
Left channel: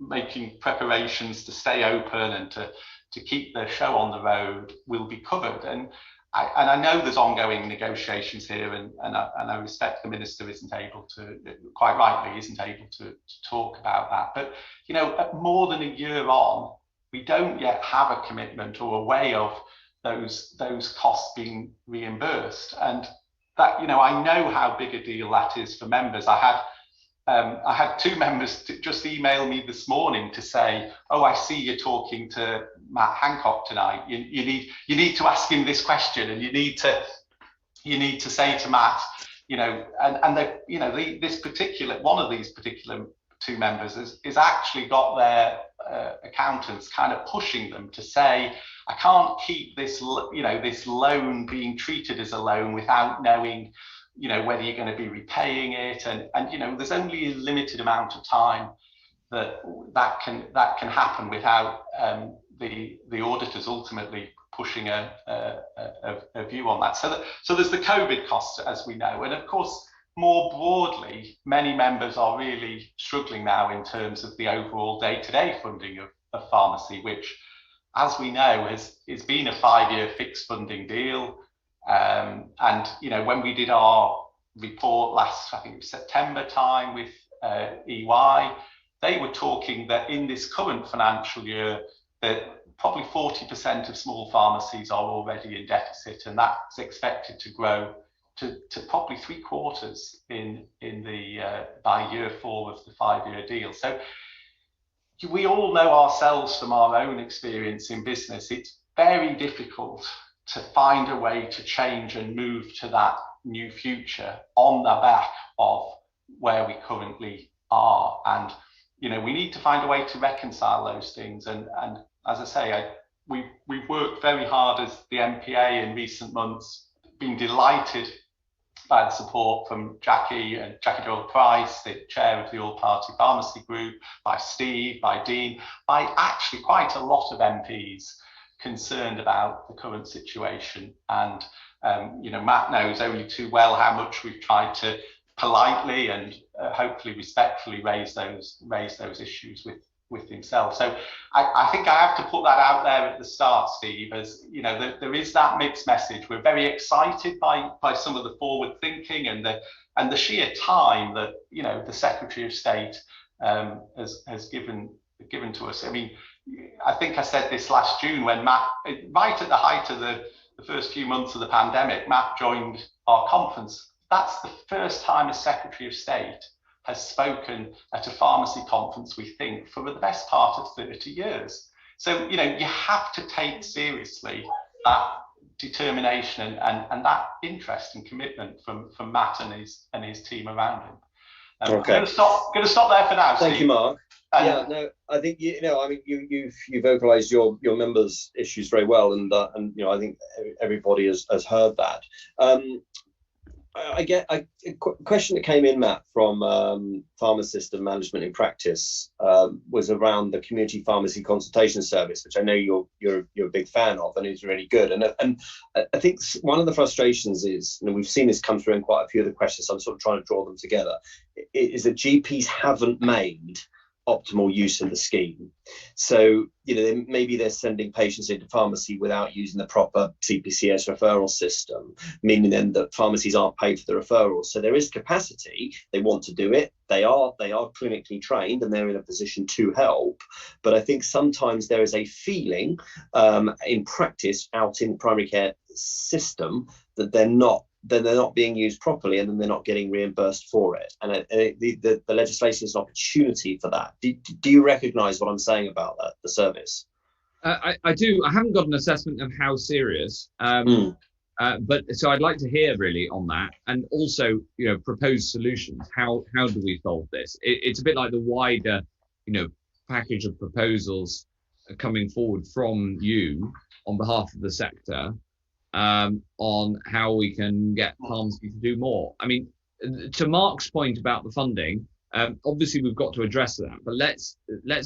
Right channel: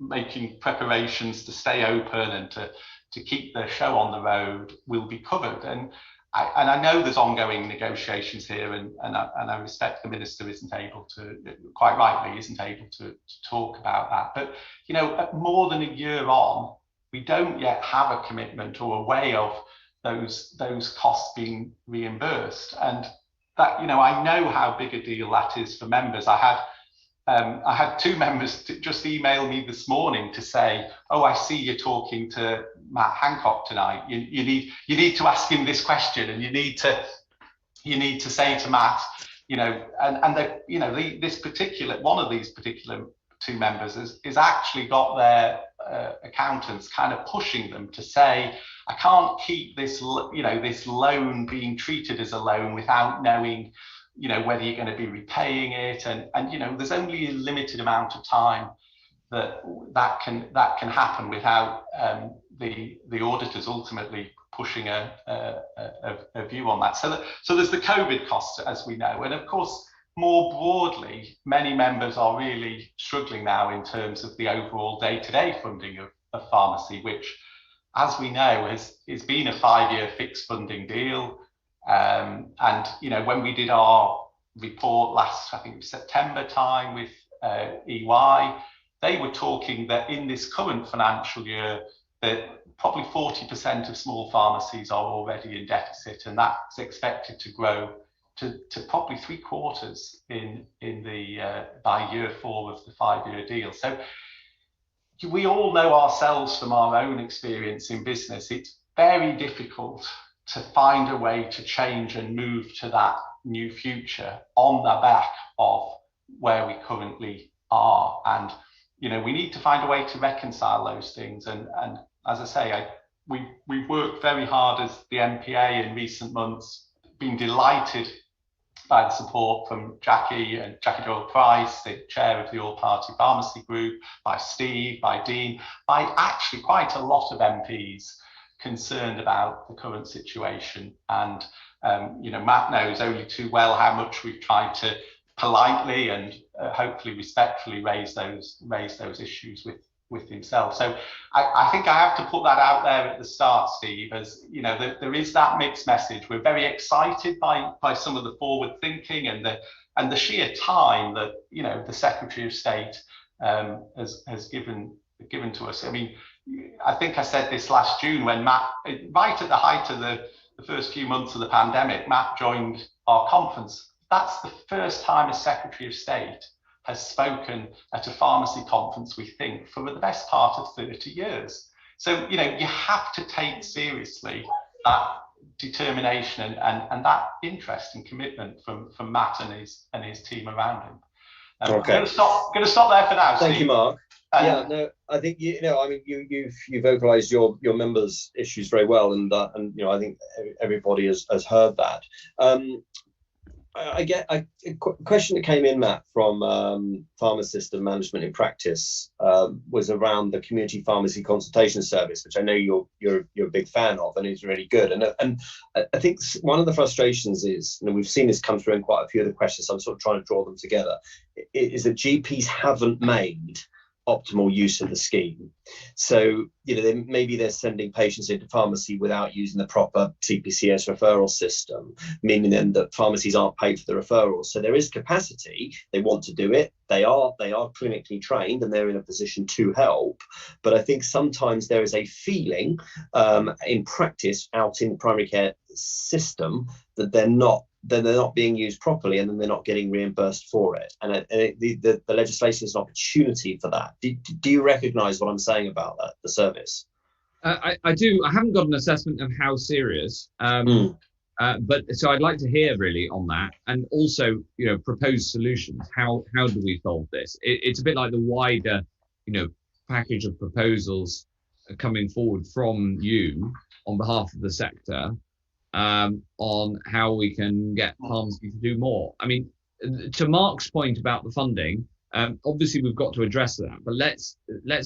making preparations to stay open and to keep the show on the road will be covered. And I know there's ongoing negotiations here, and I respect the minister isn't able to, quite rightly, isn't able to talk about that. But, you know, more than a year on, we don't yet have a commitment or a way of those costs being reimbursed. And that, you know, I know how big a deal that is for members. I had two members just email me this morning to say, oh, I see you're talking to Matt Hancock tonight. You need to ask him this question, and you need to say to Matt, you know, and the, you know, this particular one of these particular two members is actually got their accountants kind of pushing them to say, I can't keep this, you know, this loan being treated as a loan without knowing, you know, whether you're going to be repaying it, and you know, there's only a limited amount of time that can happen without the auditors ultimately pushing a view on that. So there's the COVID costs, as we know, and of course more broadly, many members are really struggling now in terms of the overall day-to-day funding of pharmacy, which, as we know, has been a 5-year fixed funding deal. And you know, when we did our report last, I think it was September time with EY, they were talking that in this current financial year that probably 40% of small pharmacies are already in deficit, and that's expected to grow to probably 3/4 in the by year 4 of the 5-year deal. So we all know ourselves from our own experience in business, it's very difficult to find a way to change and move to that new future on the back of where we currently are. And, you know, we need to find a way to reconcile those things. And as I say, we've worked very hard as the MPA in recent months, been delighted by the support from Jackie Doyle-Price, the chair of the All-Party Pharmacy Group, by Steve, by Dean, by actually quite a lot of MPs concerned about the current situation. And you know, Matt knows only too well how much we've tried to politely and hopefully respectfully raise those issues with himself. So I think I have to put that out there at the start, Steve, as you know, there is that mixed message. We're very excited by some of the forward thinking and the sheer time that, you know, the Secretary of State has given to us. I mean, I think I said this last June when Matt, right at the height of the first few months of the pandemic, Matt joined our conference. That's the first time a Secretary of State has spoken at a pharmacy conference, we think, for the best part of 30 years. So, you know, you have to take seriously that determination and that interest and commitment from Matt and his team around him. Okay. I'm going to stop there for now. Thank you, Mark. Yeah, no, I think you know, I memean, you've vocalised your members' issues very well, and you know, I think everybody has heard that. I get a question that came in, Matt, from Pharmacist and Management in Practice, was around the community pharmacy consultation service, which I know you're a big fan of, and is really good. And I think one of the frustrations is, and we've seen this come through in quite a few of the questions, so I'm sort of trying to draw them together, is that GPs haven't made optimal use of the scheme. So, you know, maybe they're sending patients into pharmacy without using the proper CPCS referral system, meaning then that pharmacies aren't paid for the referrals. So there is capacity, they want to do it, they are clinically trained and they're in a position to help. But I think sometimes there is a feeling in practice out in the primary care system that they're not being used properly, and then they're not getting reimbursed for it. And the legislation is an opportunity for that. Do you recognise what I'm saying about that, the service? I do. I haven't got an assessment of how serious, but so I'd like to hear really on that, and also, you know, proposed solutions. How do we solve this? It's a bit like the wider, you know, package of proposals coming forward from you on behalf of the sector. On how we can get pharmacy to do more. I mean, to Mark's point about the funding, obviously we've got to address that, but let's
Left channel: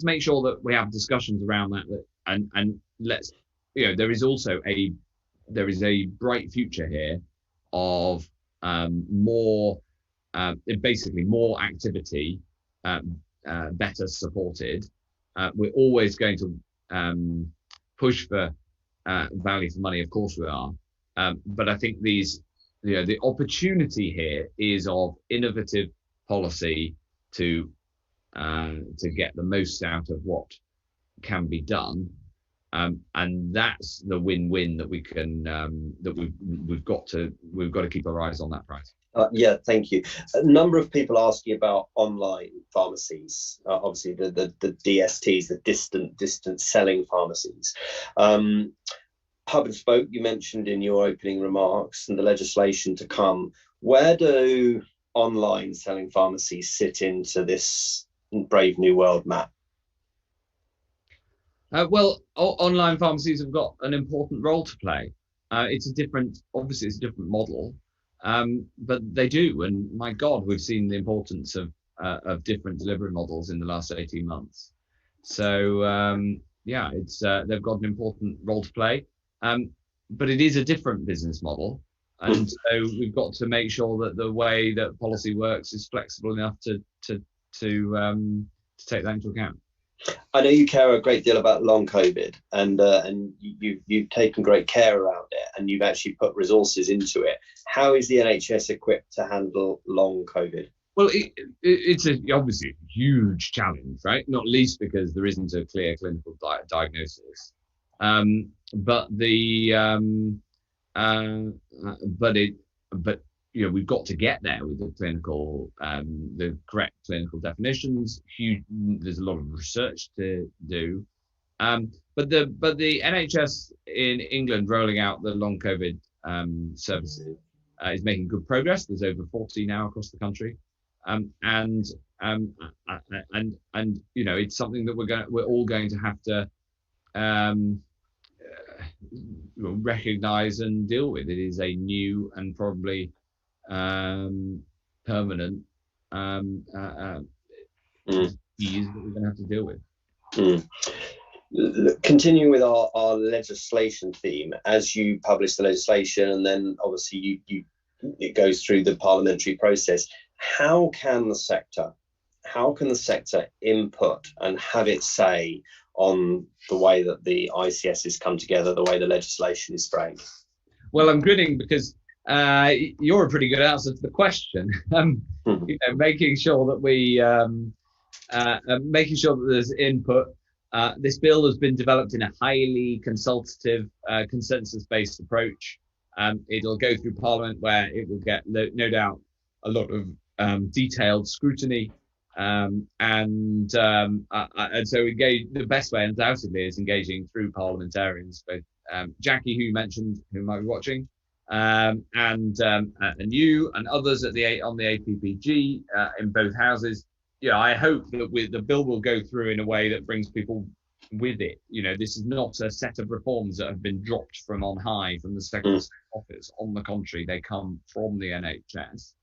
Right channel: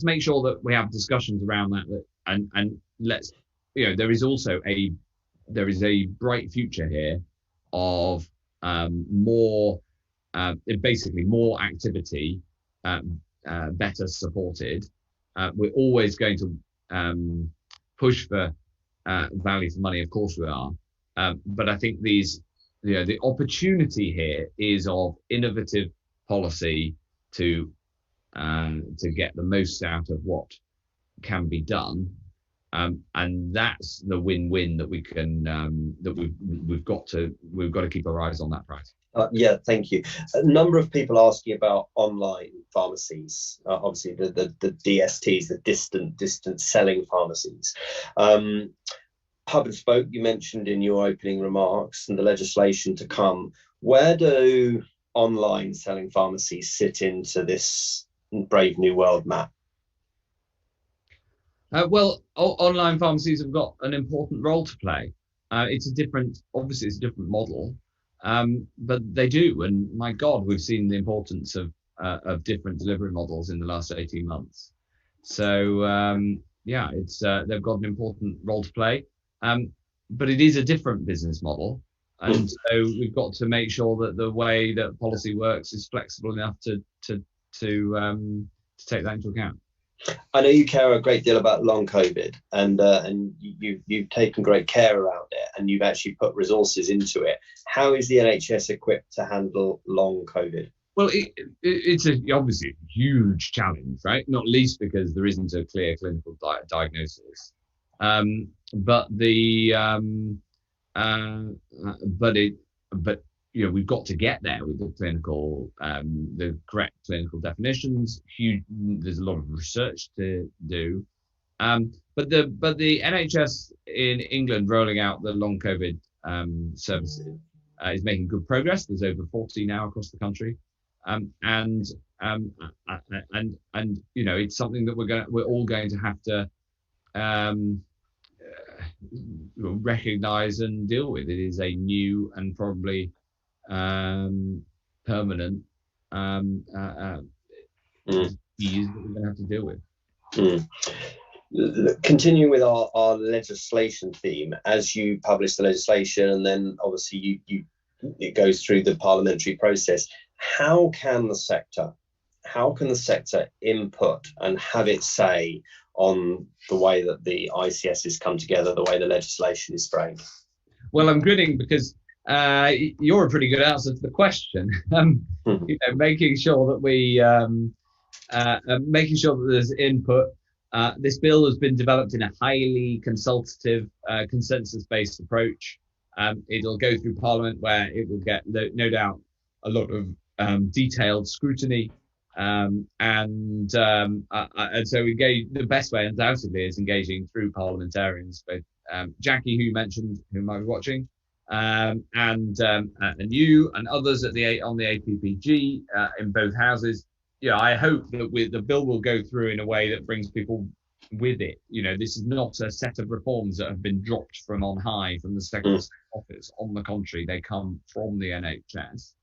make sure that we have discussions around that, and let's, you know, there is a bright future here of basically more activity, better supported, We're always going to push for value for money. Of course we are. But I think the opportunity here is of innovative policy to get the most out of what can be done. And that's the win-win that we can that we've got to keep our eyes on that price. Yeah, thank you. A number of people asking about online pharmacies, obviously the DSTs, the distant selling pharmacies. Hub and spoke, you mentioned in your opening remarks, and the legislation to come. Where do online selling pharmacies sit into this brave new world, Matt? Well, online pharmacies have got an important role to play. It's a different model, but they do. And my God, we've seen the importance of different delivery models in the last 18 months. So yeah, they've got an important role to play. But it is a different business model, and so we've got to make sure that the way that policy works is flexible enough to take that into account. I know you care a great deal about long COVID, and you've taken great care around it, and you've actually put resources into it. How is the NHS equipped to handle long COVID? Well, it's obviously a huge challenge, right? Not least because there isn't a clear clinical diagnosis. But we've got to get there with the correct clinical definitions. There's a lot of research to do. But the NHS in England rolling out the long COVID services is making good progress. There's over 40 now across the country. And it's something that we're all going to have to recognize and deal with. It is a new and probably permanent disease that we're going to have to deal with. Continuing with our legislation theme, as you publish the legislation and then obviously it goes through the parliamentary process, how can the sector input and have its say on the way that the ICSs come together, the way the legislation is framed? Well, I'm grinning because you're a pretty good answer to the question. Making sure that there's input. This bill has been developed in a highly consultative, consensus-based approach. It'll go through Parliament, where it will get no doubt a lot of detailed scrutiny. And so the best way undoubtedly is engaging through parliamentarians, both Jackie, who you mentioned, who might be watching, and you and others on the APPG in both houses. I hope that the bill will go through in a way that brings people with it. This is not a set of reforms that have been dropped from on high from the Secretary of State office. On the contrary, they come from the NHS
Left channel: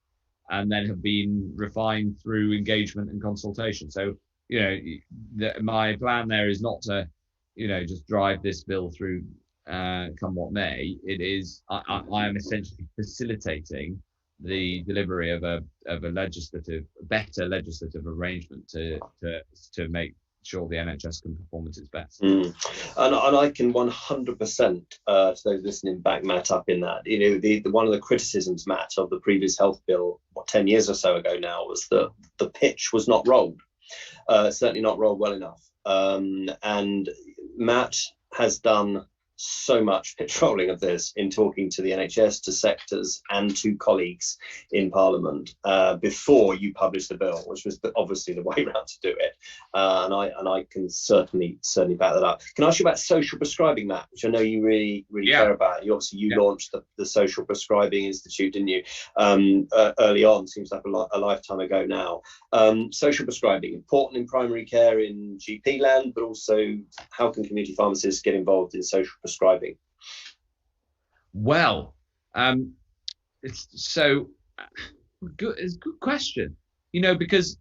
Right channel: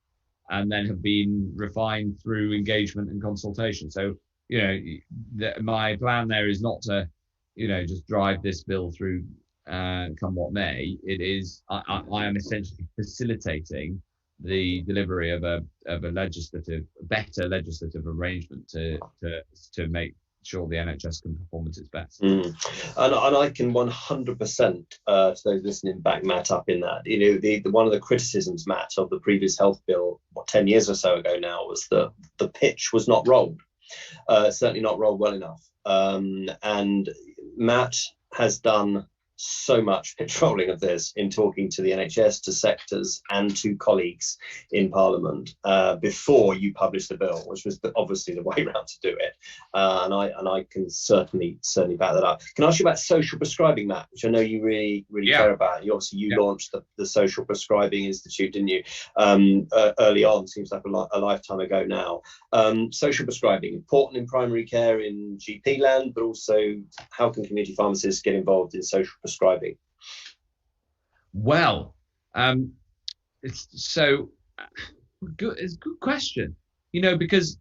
and then have been refined through engagement and consultation. So, my plan there is not to, just drive this bill through come what may. It is, I am essentially facilitating the delivery of a better legislative arrangement to make sure the NHS can perform at its best. And I can 100% to those listening back Matt up in that. The one of the criticisms, Matt, of the previous health bill 10 years or so ago now was that the pitch was not rolled, certainly not rolled well enough. And Matt has done so much pitch rolling of this in talking to the NHS, to sectors and to colleagues in Parliament before you published the bill, which was obviously the way around to do it. And I can certainly back that up. Can I ask you about social prescribing, Matt, which I know you really care about? You launched the Social Prescribing Institute, didn't you? Early on, seems like a lifetime ago now. Social prescribing, important in primary care in GP land, but also how can community pharmacists get involved in social prescribing? Well, it's a good question, because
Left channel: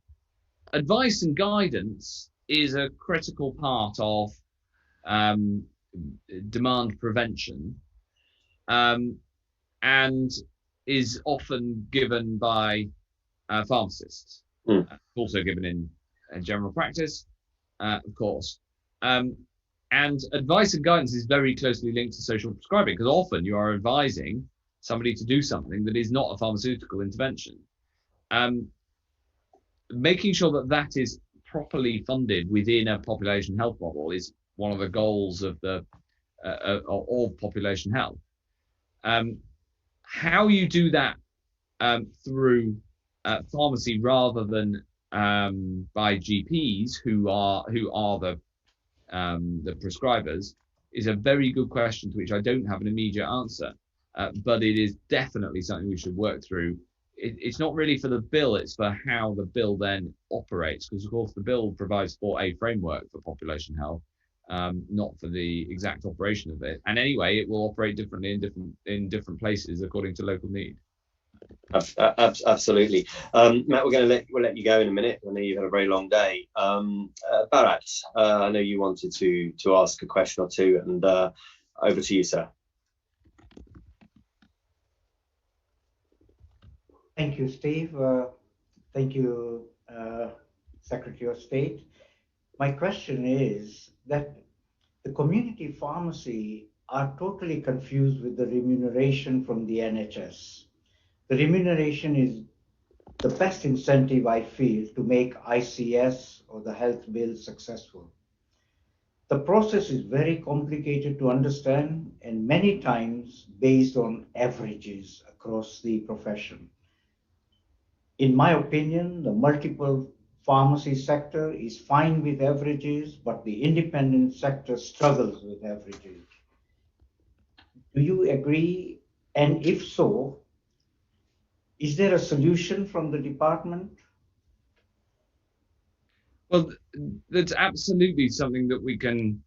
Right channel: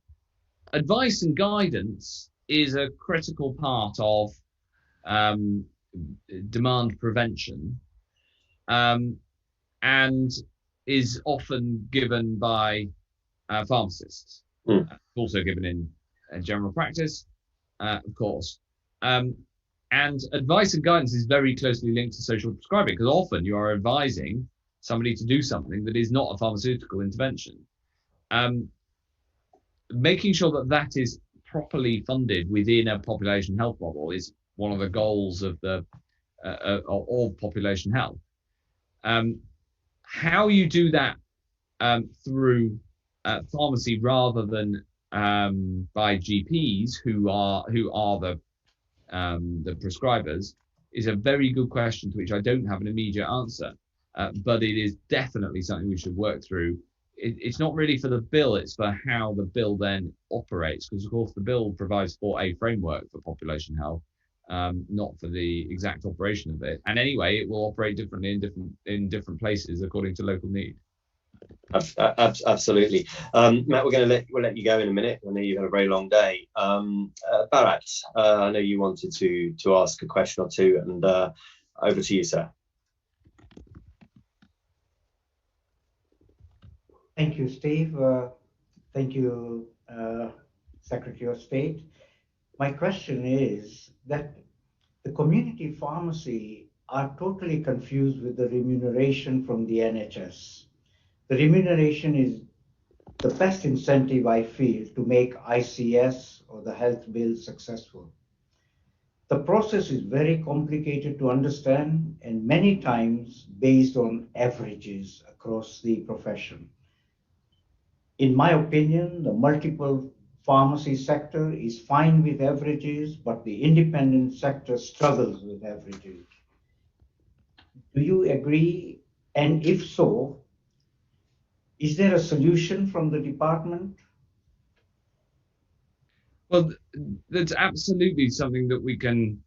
advice and guidance is a critical part of demand prevention, and is often given by pharmacists. Also given in general practice, of course. And advice and guidance is very closely linked to social prescribing, because often you are advising somebody to do something that is not a pharmaceutical intervention. Making sure that that is properly funded within a population health model is one of the goals of the of population health. How you do that through pharmacy rather than by GPs who are the prescribers is a very good question to which I don't have an immediate answer, but it is definitely something we should work through. It's not really for the bill, it's for how the bill then operates, because of course the bill provides for a framework for population health, not for the exact operation of it. And anyway, it will operate differently in different places according to local need. Absolutely. Matt, we'll let you go in a minute. I know you've had a very long day. Bharat, I know you wanted to ask a question or two, and over to you, sir. Thank you, Steve. Thank you, Secretary of State. My question is that the community pharmacy are totally confused with the remuneration from the NHS. The remuneration is the best incentive, I feel, to make ICS or the health bill successful. The process is very complicated to understand and many times based on averages across the profession. In my opinion, the multiple pharmacy sector is fine with averages, but the independent sector struggles with averages. Do you agree? And if so, is there a solution from the department? Well, that's absolutely something that we can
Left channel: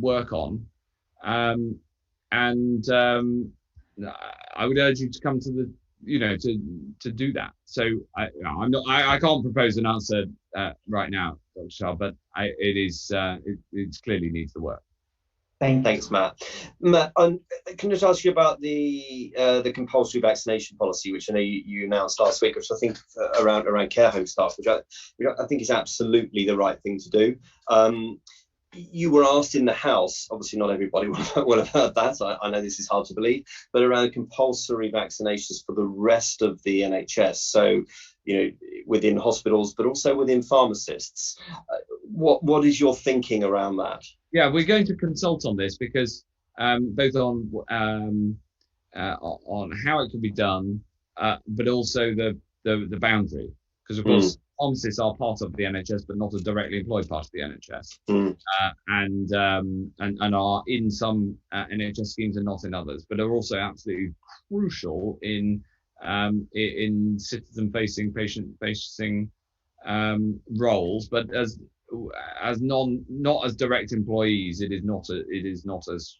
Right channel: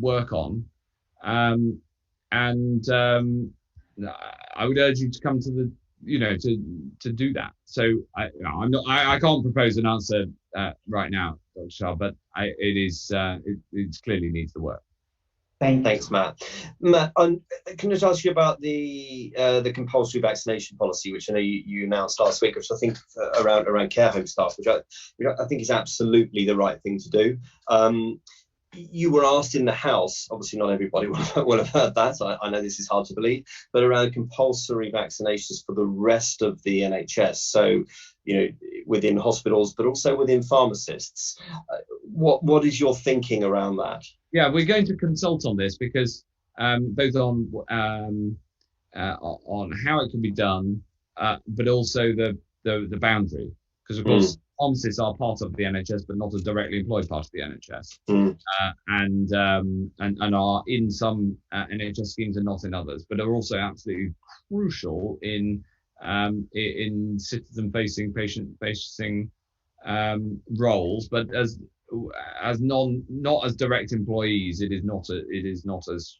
work on, and I would urge you to come to the to do that. So I can't propose an answer right now, Dr. Shah, but it clearly needs the work. Thanks, Matt. Matt, can I just ask you about the compulsory vaccination policy, which I know you announced last week, which I think around care home staff, which I think is absolutely the right thing to do. You were asked in the House, obviously not everybody will have heard that, I know this is hard to believe, but around compulsory vaccinations for the rest of the NHS, so within hospitals, but also within pharmacists. What is your thinking around that? Yeah, we're going to consult on this, because both on how it can be done, but also the boundary, because of course pharmacists are part of the NHS, but not a directly employed part of the NHS, and are in some NHS schemes and not in others, but are also absolutely crucial in citizen-facing, patient-facing roles, but as not as direct employees, it is not as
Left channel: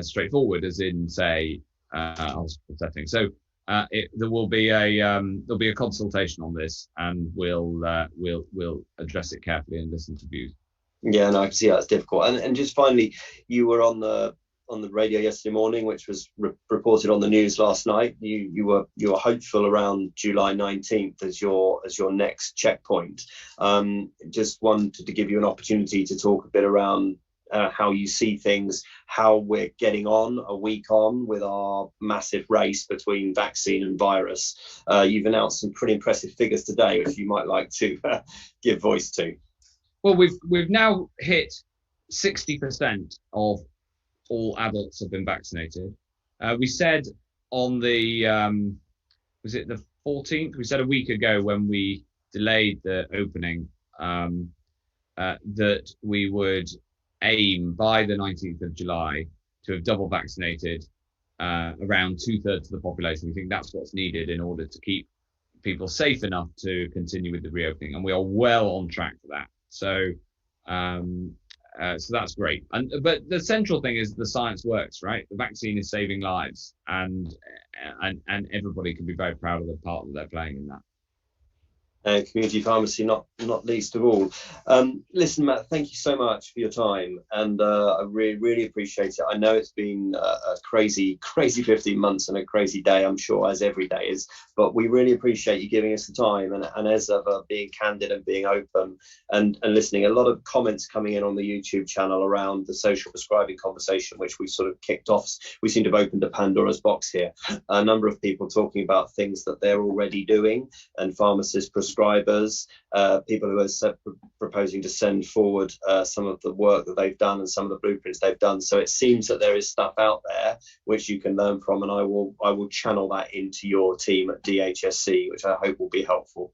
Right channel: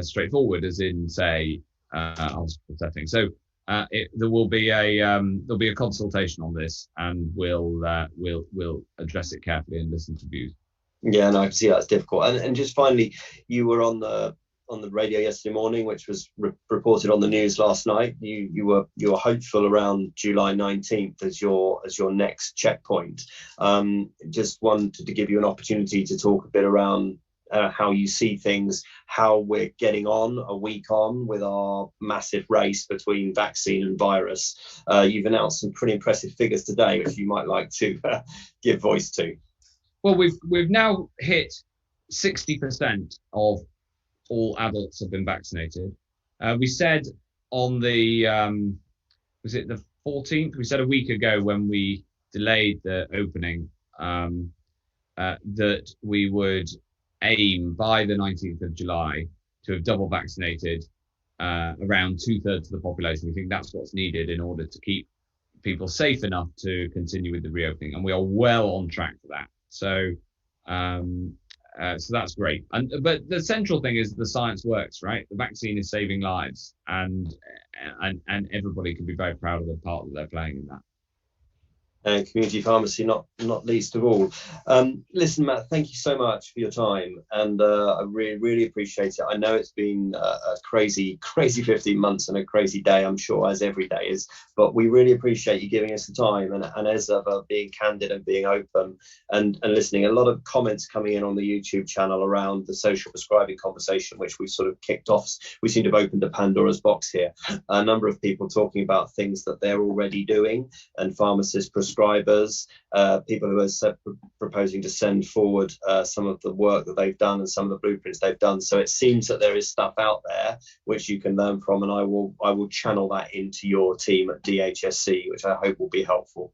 straightforward as in, say, a hospital setting. So there'll be a consultation on this, and we'll address it carefully and listen to views. Yeah, no, I can see that's difficult. And just finally, you were on the radio yesterday morning, which was reported on the news last night. You were hopeful around July 19th as your next checkpoint. Just wanted to give you an opportunity to talk a bit around how you see things, how we're getting on a week on with our massive race between vaccine and virus. You've announced some pretty impressive figures today, which you might like to give voice to. Well, we've now hit 60% of all adults have been vaccinated. We said on the was it the 14th? We said a week ago when we delayed the opening that we would aim by the 19th of July to have double vaccinated around 2/3 of the population. We think that's what's needed in order to keep people safe enough to continue with the reopening, and we are well on track for that. So that's great. But the central thing is the science works, right? The vaccine is saving lives, and everybody can be very proud of the part that they're playing in that. and community pharmacy not least of all. Listen, Matt, thank you so much for your time, and I really appreciate it. I know it's been a crazy 15 months and a crazy day, I'm sure, as every day is, but we really appreciate you giving us the time, and as ever, being candid and being open and listening. A lot of comments coming in on the YouTube channel around the social prescribing conversation, which we sort of kicked off. We seem to have opened a Pandora's box here. A number of people talking about things that they're already doing, and pharmacists, prescribers, people who are proposing to send forward some of the work that they've done and some of the blueprints they've done. So it seems that there is stuff out there which you can learn from, and I will channel that into your team at DHSC, which I hope will be helpful.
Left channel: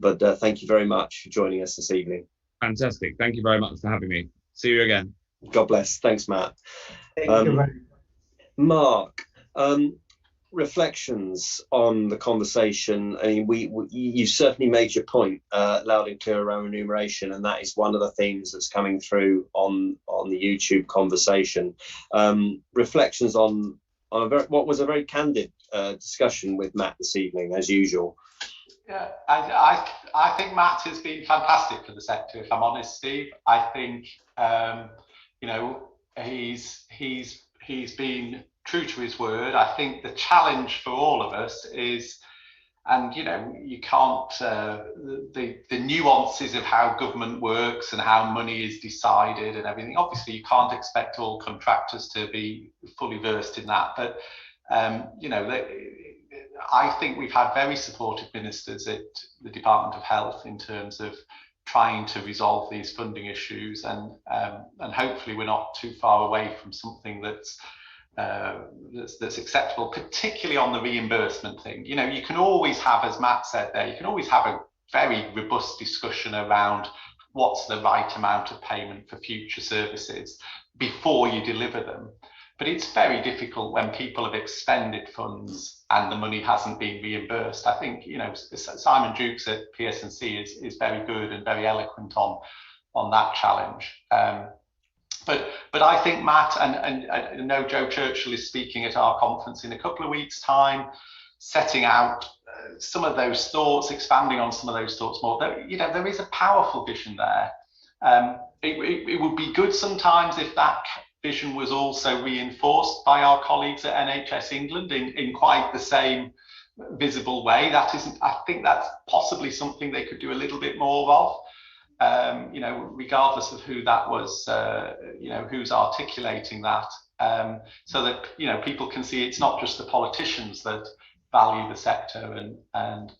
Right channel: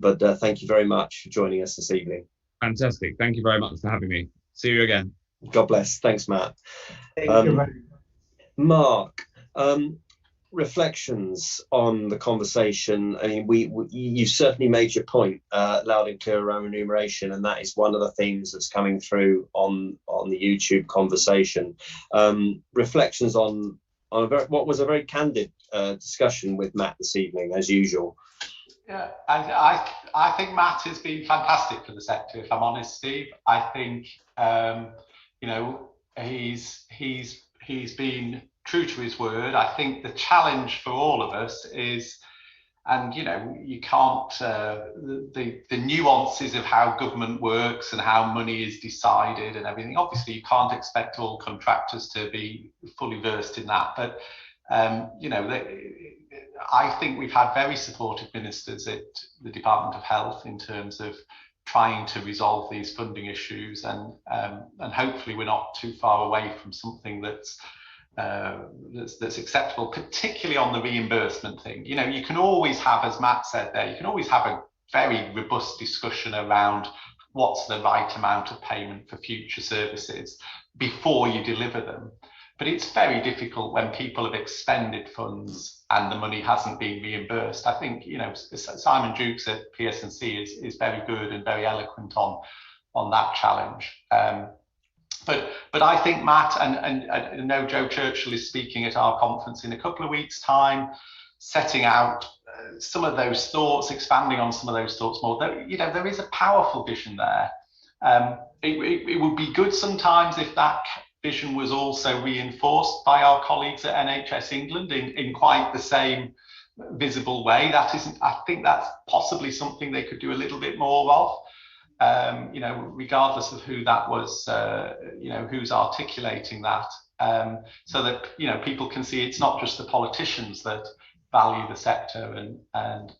But thank you very much for joining us this evening. Fantastic. Thank you very much for having me. See you again. God bless. Thanks, Matt. Thank you very much. Mark, reflections on the conversation. I mean, you certainly made your point loud and clear around remuneration, and that is one of the themes that's coming through on the YouTube conversation. Reflections on what was a very candid discussion with Matt this evening, as usual. Yeah, I think Matt has been fantastic for the sector, if I'm honest, Steve. I think you know, he's been true to his word. I think the challenge for all of us is, and you know, you can't the nuances of how government works and how money is decided and everything. Obviously, you can't expect all contractors to be fully versed in that, but you know, I think we've had very supportive ministers at the Department of Health in terms of trying to resolve these funding issues, and hopefully we're not too far away from something that's acceptable, particularly on the reimbursement thing. You know, you can always have, as Matt said there, you can always have a very robust discussion around what's the right amount of payment for future services before you deliver them. But it's very difficult when people have expended funds and the money hasn't been reimbursed. I think, you know, Simon Jukes at PSNC is very good and very eloquent on that challenge. But I think Matt, and I know Joe Churchill is speaking at our conference in a couple of weeks' time, setting out some of those thoughts, expanding on some of those thoughts more. You know, there is a powerful vision there. It would be good sometimes if that vision was also reinforced by our colleagues at NHS England in quite the same visible way. I think that's possibly something they could do a little bit more of. You know, regardless of who that was, you know, who's articulating that, so that, you know, people can see it's not just the politicians that value the sector and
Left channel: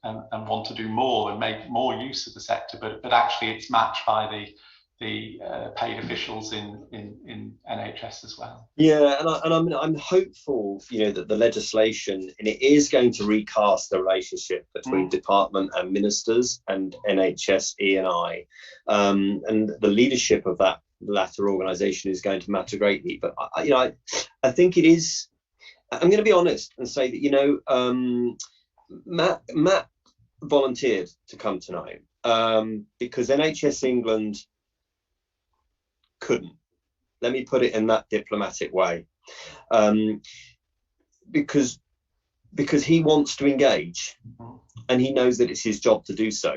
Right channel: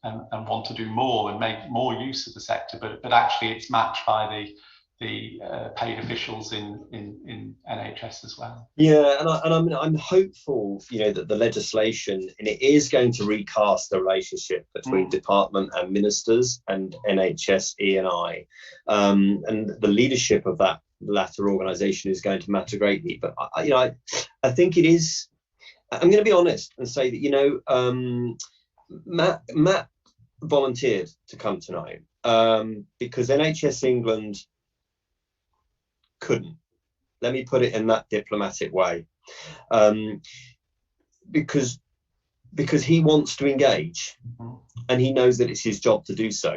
want to do more and make more use of the sector, but actually it's matched by the paid officials in NHS as well. Yeah, and I'm hopeful, you know, that the legislation, and it is going to recast the relationship between department and ministers and NHS E&I, and the leadership of that latter organisation is going to matter greatly. But you know, I think it is. I'm going to be honest and say that, you know, Matt volunteered to come tonight because NHS England couldn't. Let me put it in that diplomatic way, because he wants to engage, and he knows that it's his job to do so.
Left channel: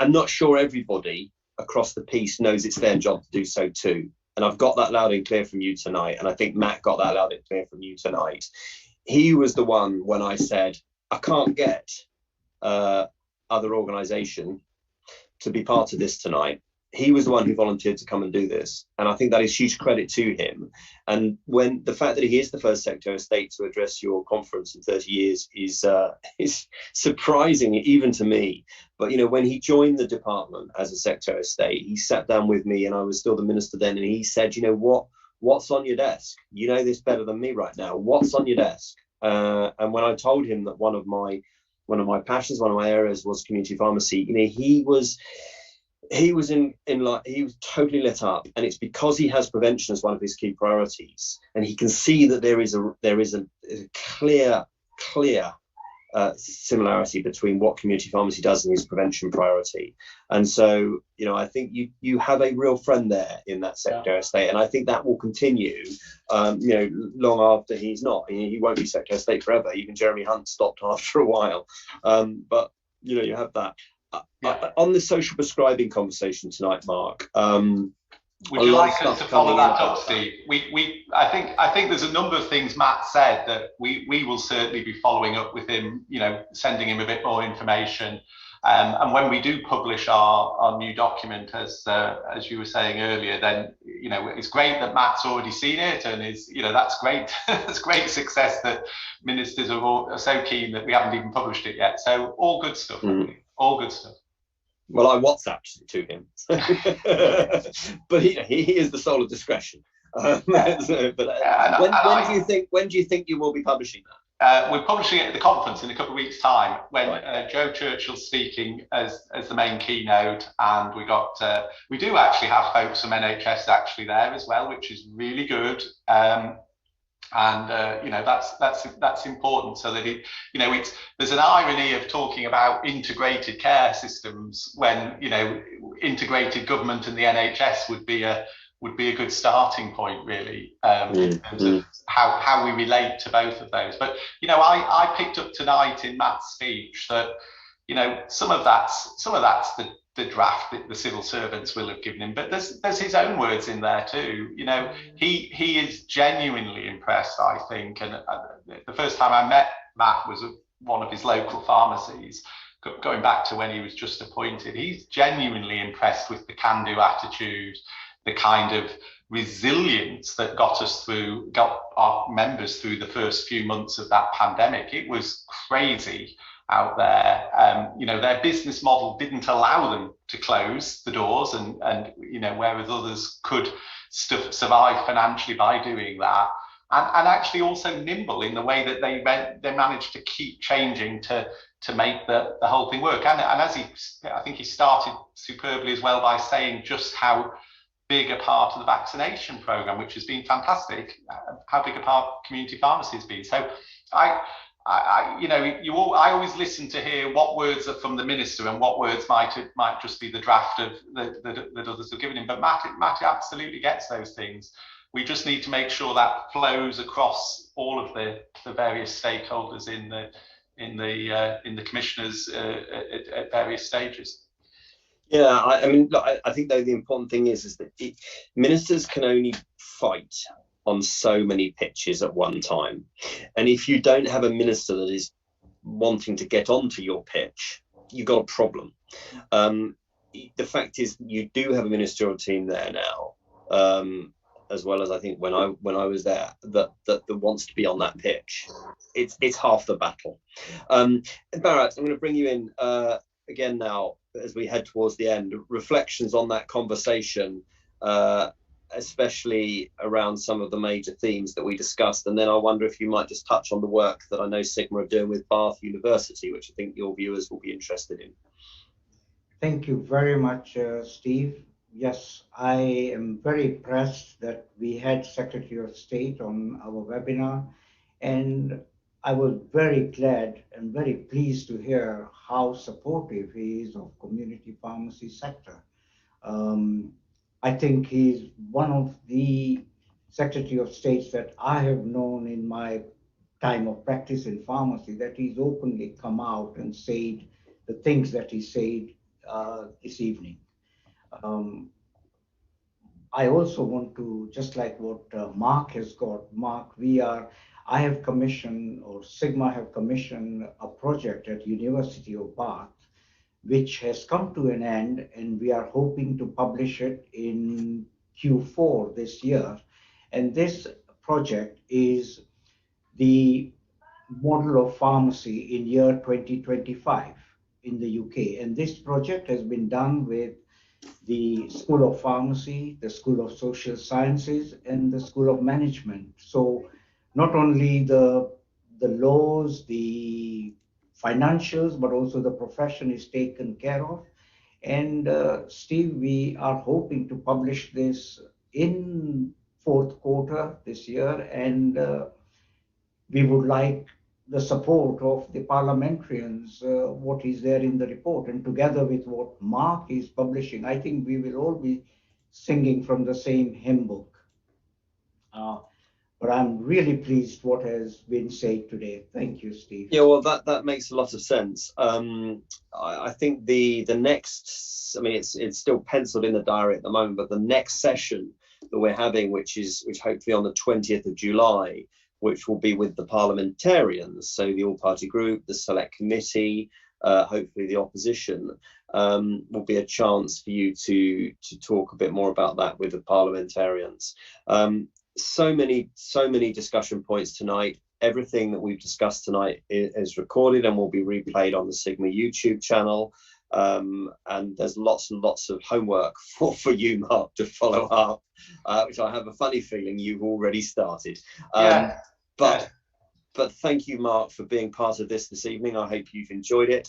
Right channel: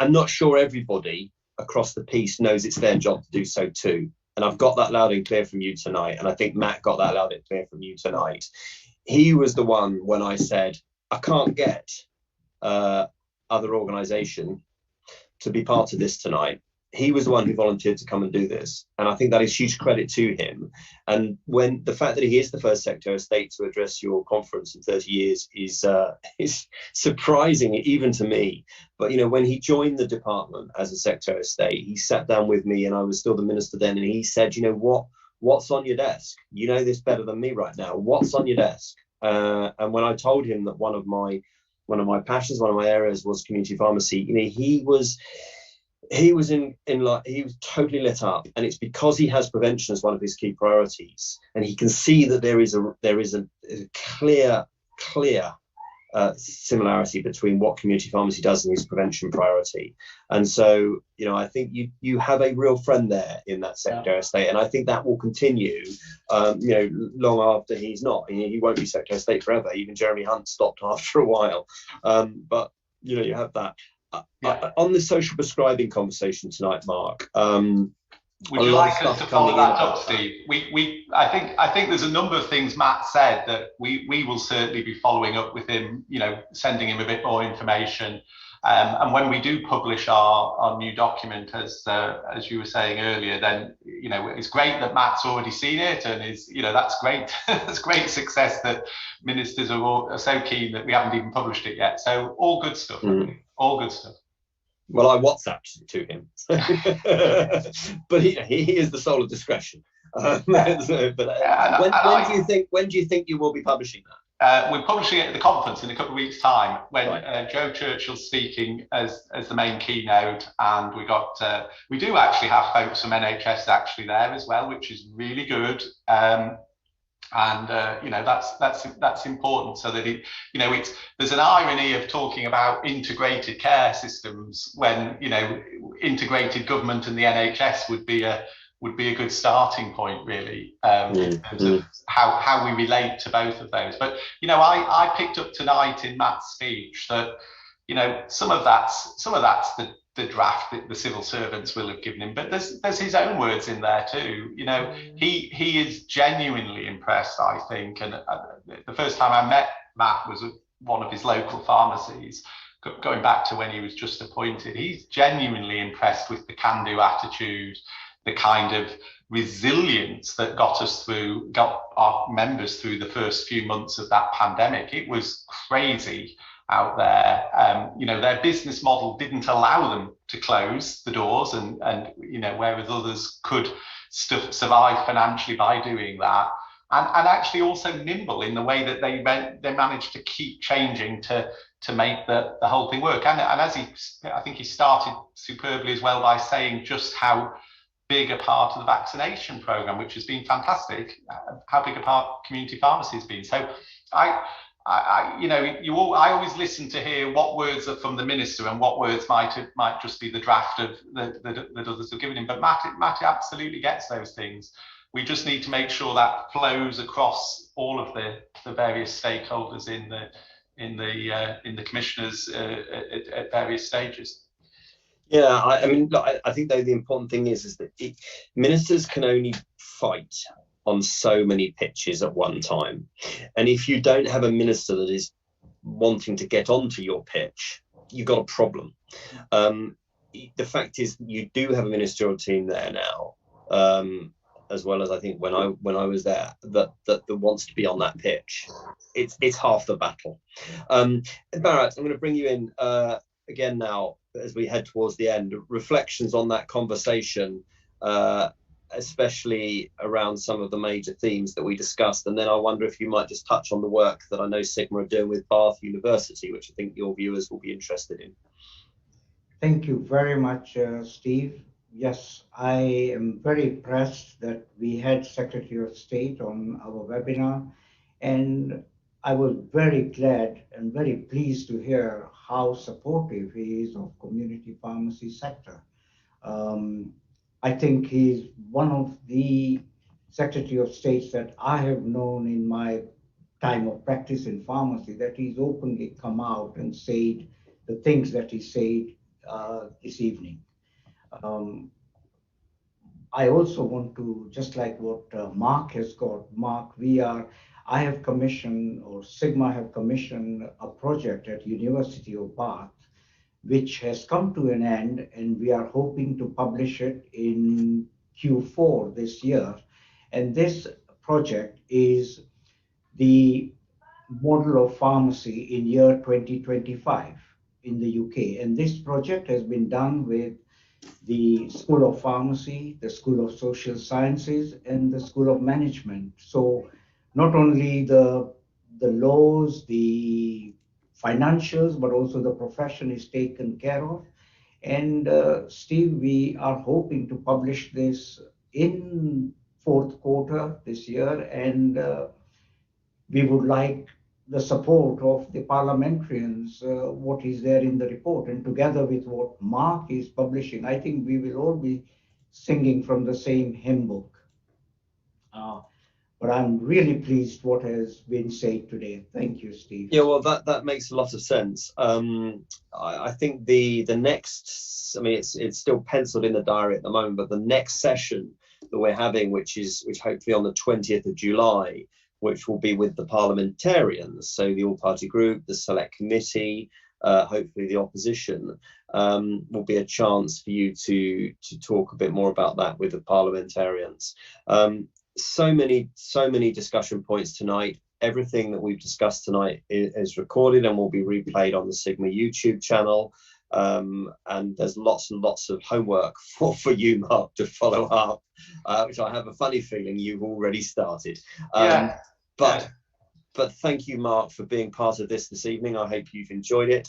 I'm not sure everybody across the piece knows it's their job to do so too, and I've got that loud and clear from you tonight, and I think Matt got that loud and clear from you tonight. He was the one when I said I can't get other organisation to be part of this tonight. He was the one who volunteered to come and do this, and I think that is huge credit to him. And when the fact that he is the first Secretary of State to address your conference in 30 years is surprising even to me. But you know, when he joined the department as a Secretary of State, he sat down with me, and I was still the minister then, and he said, you know, what's on your desk? You know this better than me right now. What's on your desk? And when I told him that one of my passions, one of my areas was community pharmacy, you know, he was totally lit up, and it's because he has prevention as one of his key priorities, and he can see that there is a clear similarity between what community pharmacy does and his prevention priority. And so, you know, I think you have a real friend there in that Secretary of State, and I think that will continue, you know, long after he's not. He won't be Secretary of State forever. Even Jeremy Hunt stopped after a while, but you know, you have that. On the social prescribing conversation tonight, Mark. Would you like us to follow that up, Steve? I think there's a number of things Matt said that we will certainly be following up with him, sending him a bit more information. And when we do publish our new document, as you were saying earlier, then it's great that Matt's already seen it, and that's great. That's great success that ministers are so keen that we haven't even published it yet. So all good stuff. All good stuff. Well, I WhatsApped to him, but he is the soul of discretion. When do you think you will be publishing that? We're publishing it at the conference in a couple of weeks' time, when Joe Churchill's speaking as the main keynote, and we do actually have folks from NHS actually there as well, which is really good. That's important, so that there's an irony of talking about integrated care systems when integrated government and the NHS would be a good starting point, really, in terms of how we relate to both of those. But I picked up tonight in Matt's speech that some of that's the draft that the civil servants will have given him, but there's his own words in there too. He is genuinely impressed, I think, and the first time I met Matt was at one of his local pharmacies, going back to when he was just appointed. He's genuinely impressed with the can-do attitude, the kind of resilience that got our members through the first few months of that pandemic. It was crazy out there. Their business model didn't allow them to close the doors, and whereas others could survive financially by doing that, and actually also nimble in the way that they managed to keep changing to make the whole thing work. And as I think he started superbly as well by saying just how big a part of the vaccination program, which has been fantastic, how big a part community pharmacy has been. So I always listen to hear what words are from the minister and what words might just be the draft of that others have given him. But Matt absolutely gets those things. We just need to make sure that flows across all of the various stakeholders in the commissioners at various stages. Yeah, I think though the important thing is that ministers can only fight on so many pitches at one time, and if you don't have a minister that is wanting to get onto your pitch, you've got a problem. The fact is, you do have a ministerial team there now, as well as I think when I was there, that wants to be on that pitch. It's half the battle. Bharat, I'm going to bring you in again now as we head towards the end. Reflections on that conversation, especially around some of the major themes that we discussed, and then I wonder if you might just touch on the work that I know Sigma are doing with Bath University, which I think your viewers will be interested in. Thank you very much, Steve. Yes, I am very impressed that we had Secretary of State on our webinar, and I was very glad and very pleased to hear how supportive he is of community pharmacy sector. I think he's one of the Secretary of States that I have known in my time of practice in pharmacy, that he's openly come out and said the things that he said this evening. I also want to, just like what Mark has got, I have commissioned, or Sigma have commissioned, a project at University of Bath, which has come to an end, and we are hoping to publish it in Q4 this year. And this project is the model of pharmacy in year 2025 in the UK. And this project has been done with the School of Pharmacy, the School of Social Sciences, and the School of Management. So not only the laws, the financials, but also the profession is taken care of. And Steve, we are hoping to publish this in fourth quarter this year, and we would like the support of the parliamentarians, what is there in the report, and together with what Mark is publishing, I think we will all be singing from the same hymn book. But I'm really pleased what has been said today. Thank you, Steve. Yeah, well, that makes a lot of sense. I think the next, I mean, it's still penciled in the diary at the moment, but the next session that we're having, which hopefully on the 20th of July, which will be with the parliamentarians, so the all-party group, the select committee, hopefully the opposition, will be a chance for you to talk a bit more about that with the parliamentarians. So many discussion points tonight. Everything that we've discussed tonight is recorded and will be replayed on the Sigma YouTube channel. And there's lots and lots of homework for you, Mark, to follow up, which I have a funny feeling you've already started. But thank you, Mark, for being part of this evening. I hope you've enjoyed it.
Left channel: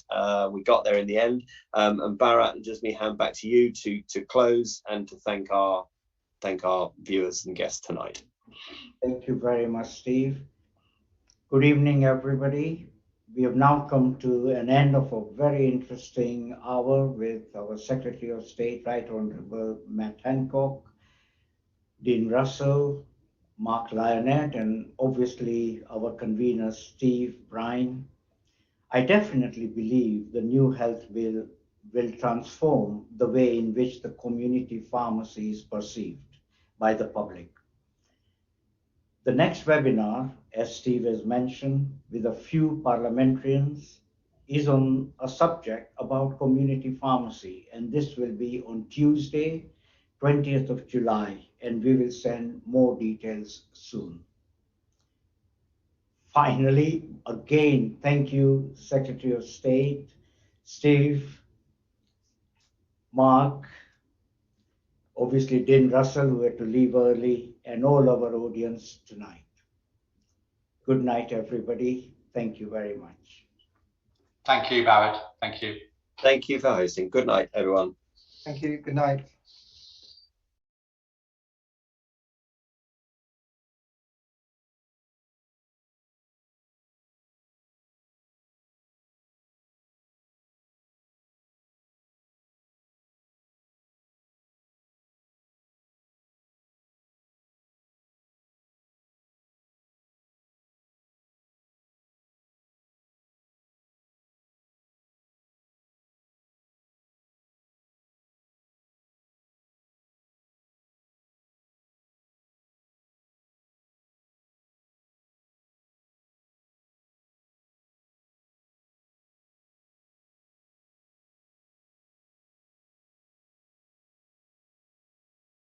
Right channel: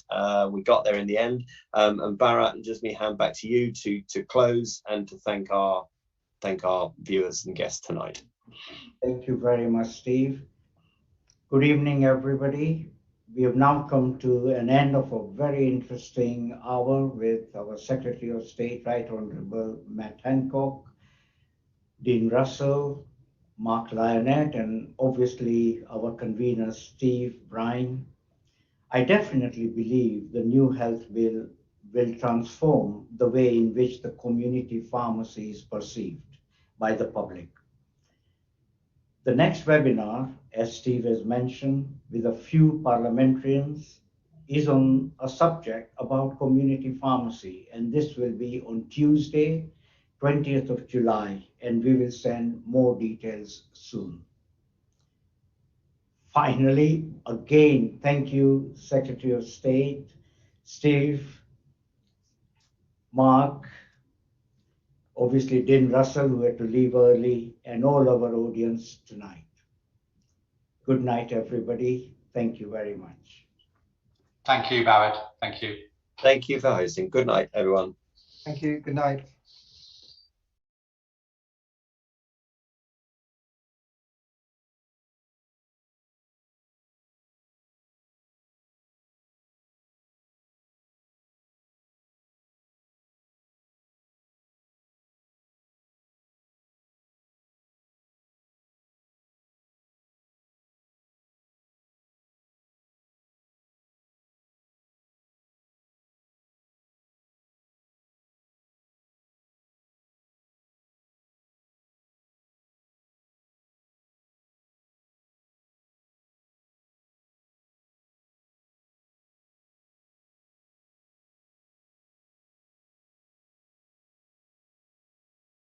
We got there in the end. And Bharat, just me hand back to you to close and to thank our viewers and guests tonight. Thank you very much, Steve. Good evening, everybody. We have now come to an end of a very interesting hour with our Secretary of State, Right Honorable Matt Hancock, Dean Russell, Mark Lionette, and obviously our convener, Steve Bryan. I definitely believe the new health bill will transform the way in which the community pharmacy is perceived by the public. The next webinar, as Steve has mentioned, with a few parliamentarians, is on a subject about community pharmacy, and this will be on Tuesday, 20th of July, and we will send more details soon. Finally, again, thank you, Secretary of State, Steve, Mark, obviously Dean Russell, who had to leave early, and all our audience tonight. Good night, everybody. Thank you very much. Thank you, Bharat. Thank you. Thank you for hosting. Good night, everyone. Thank you. Good night.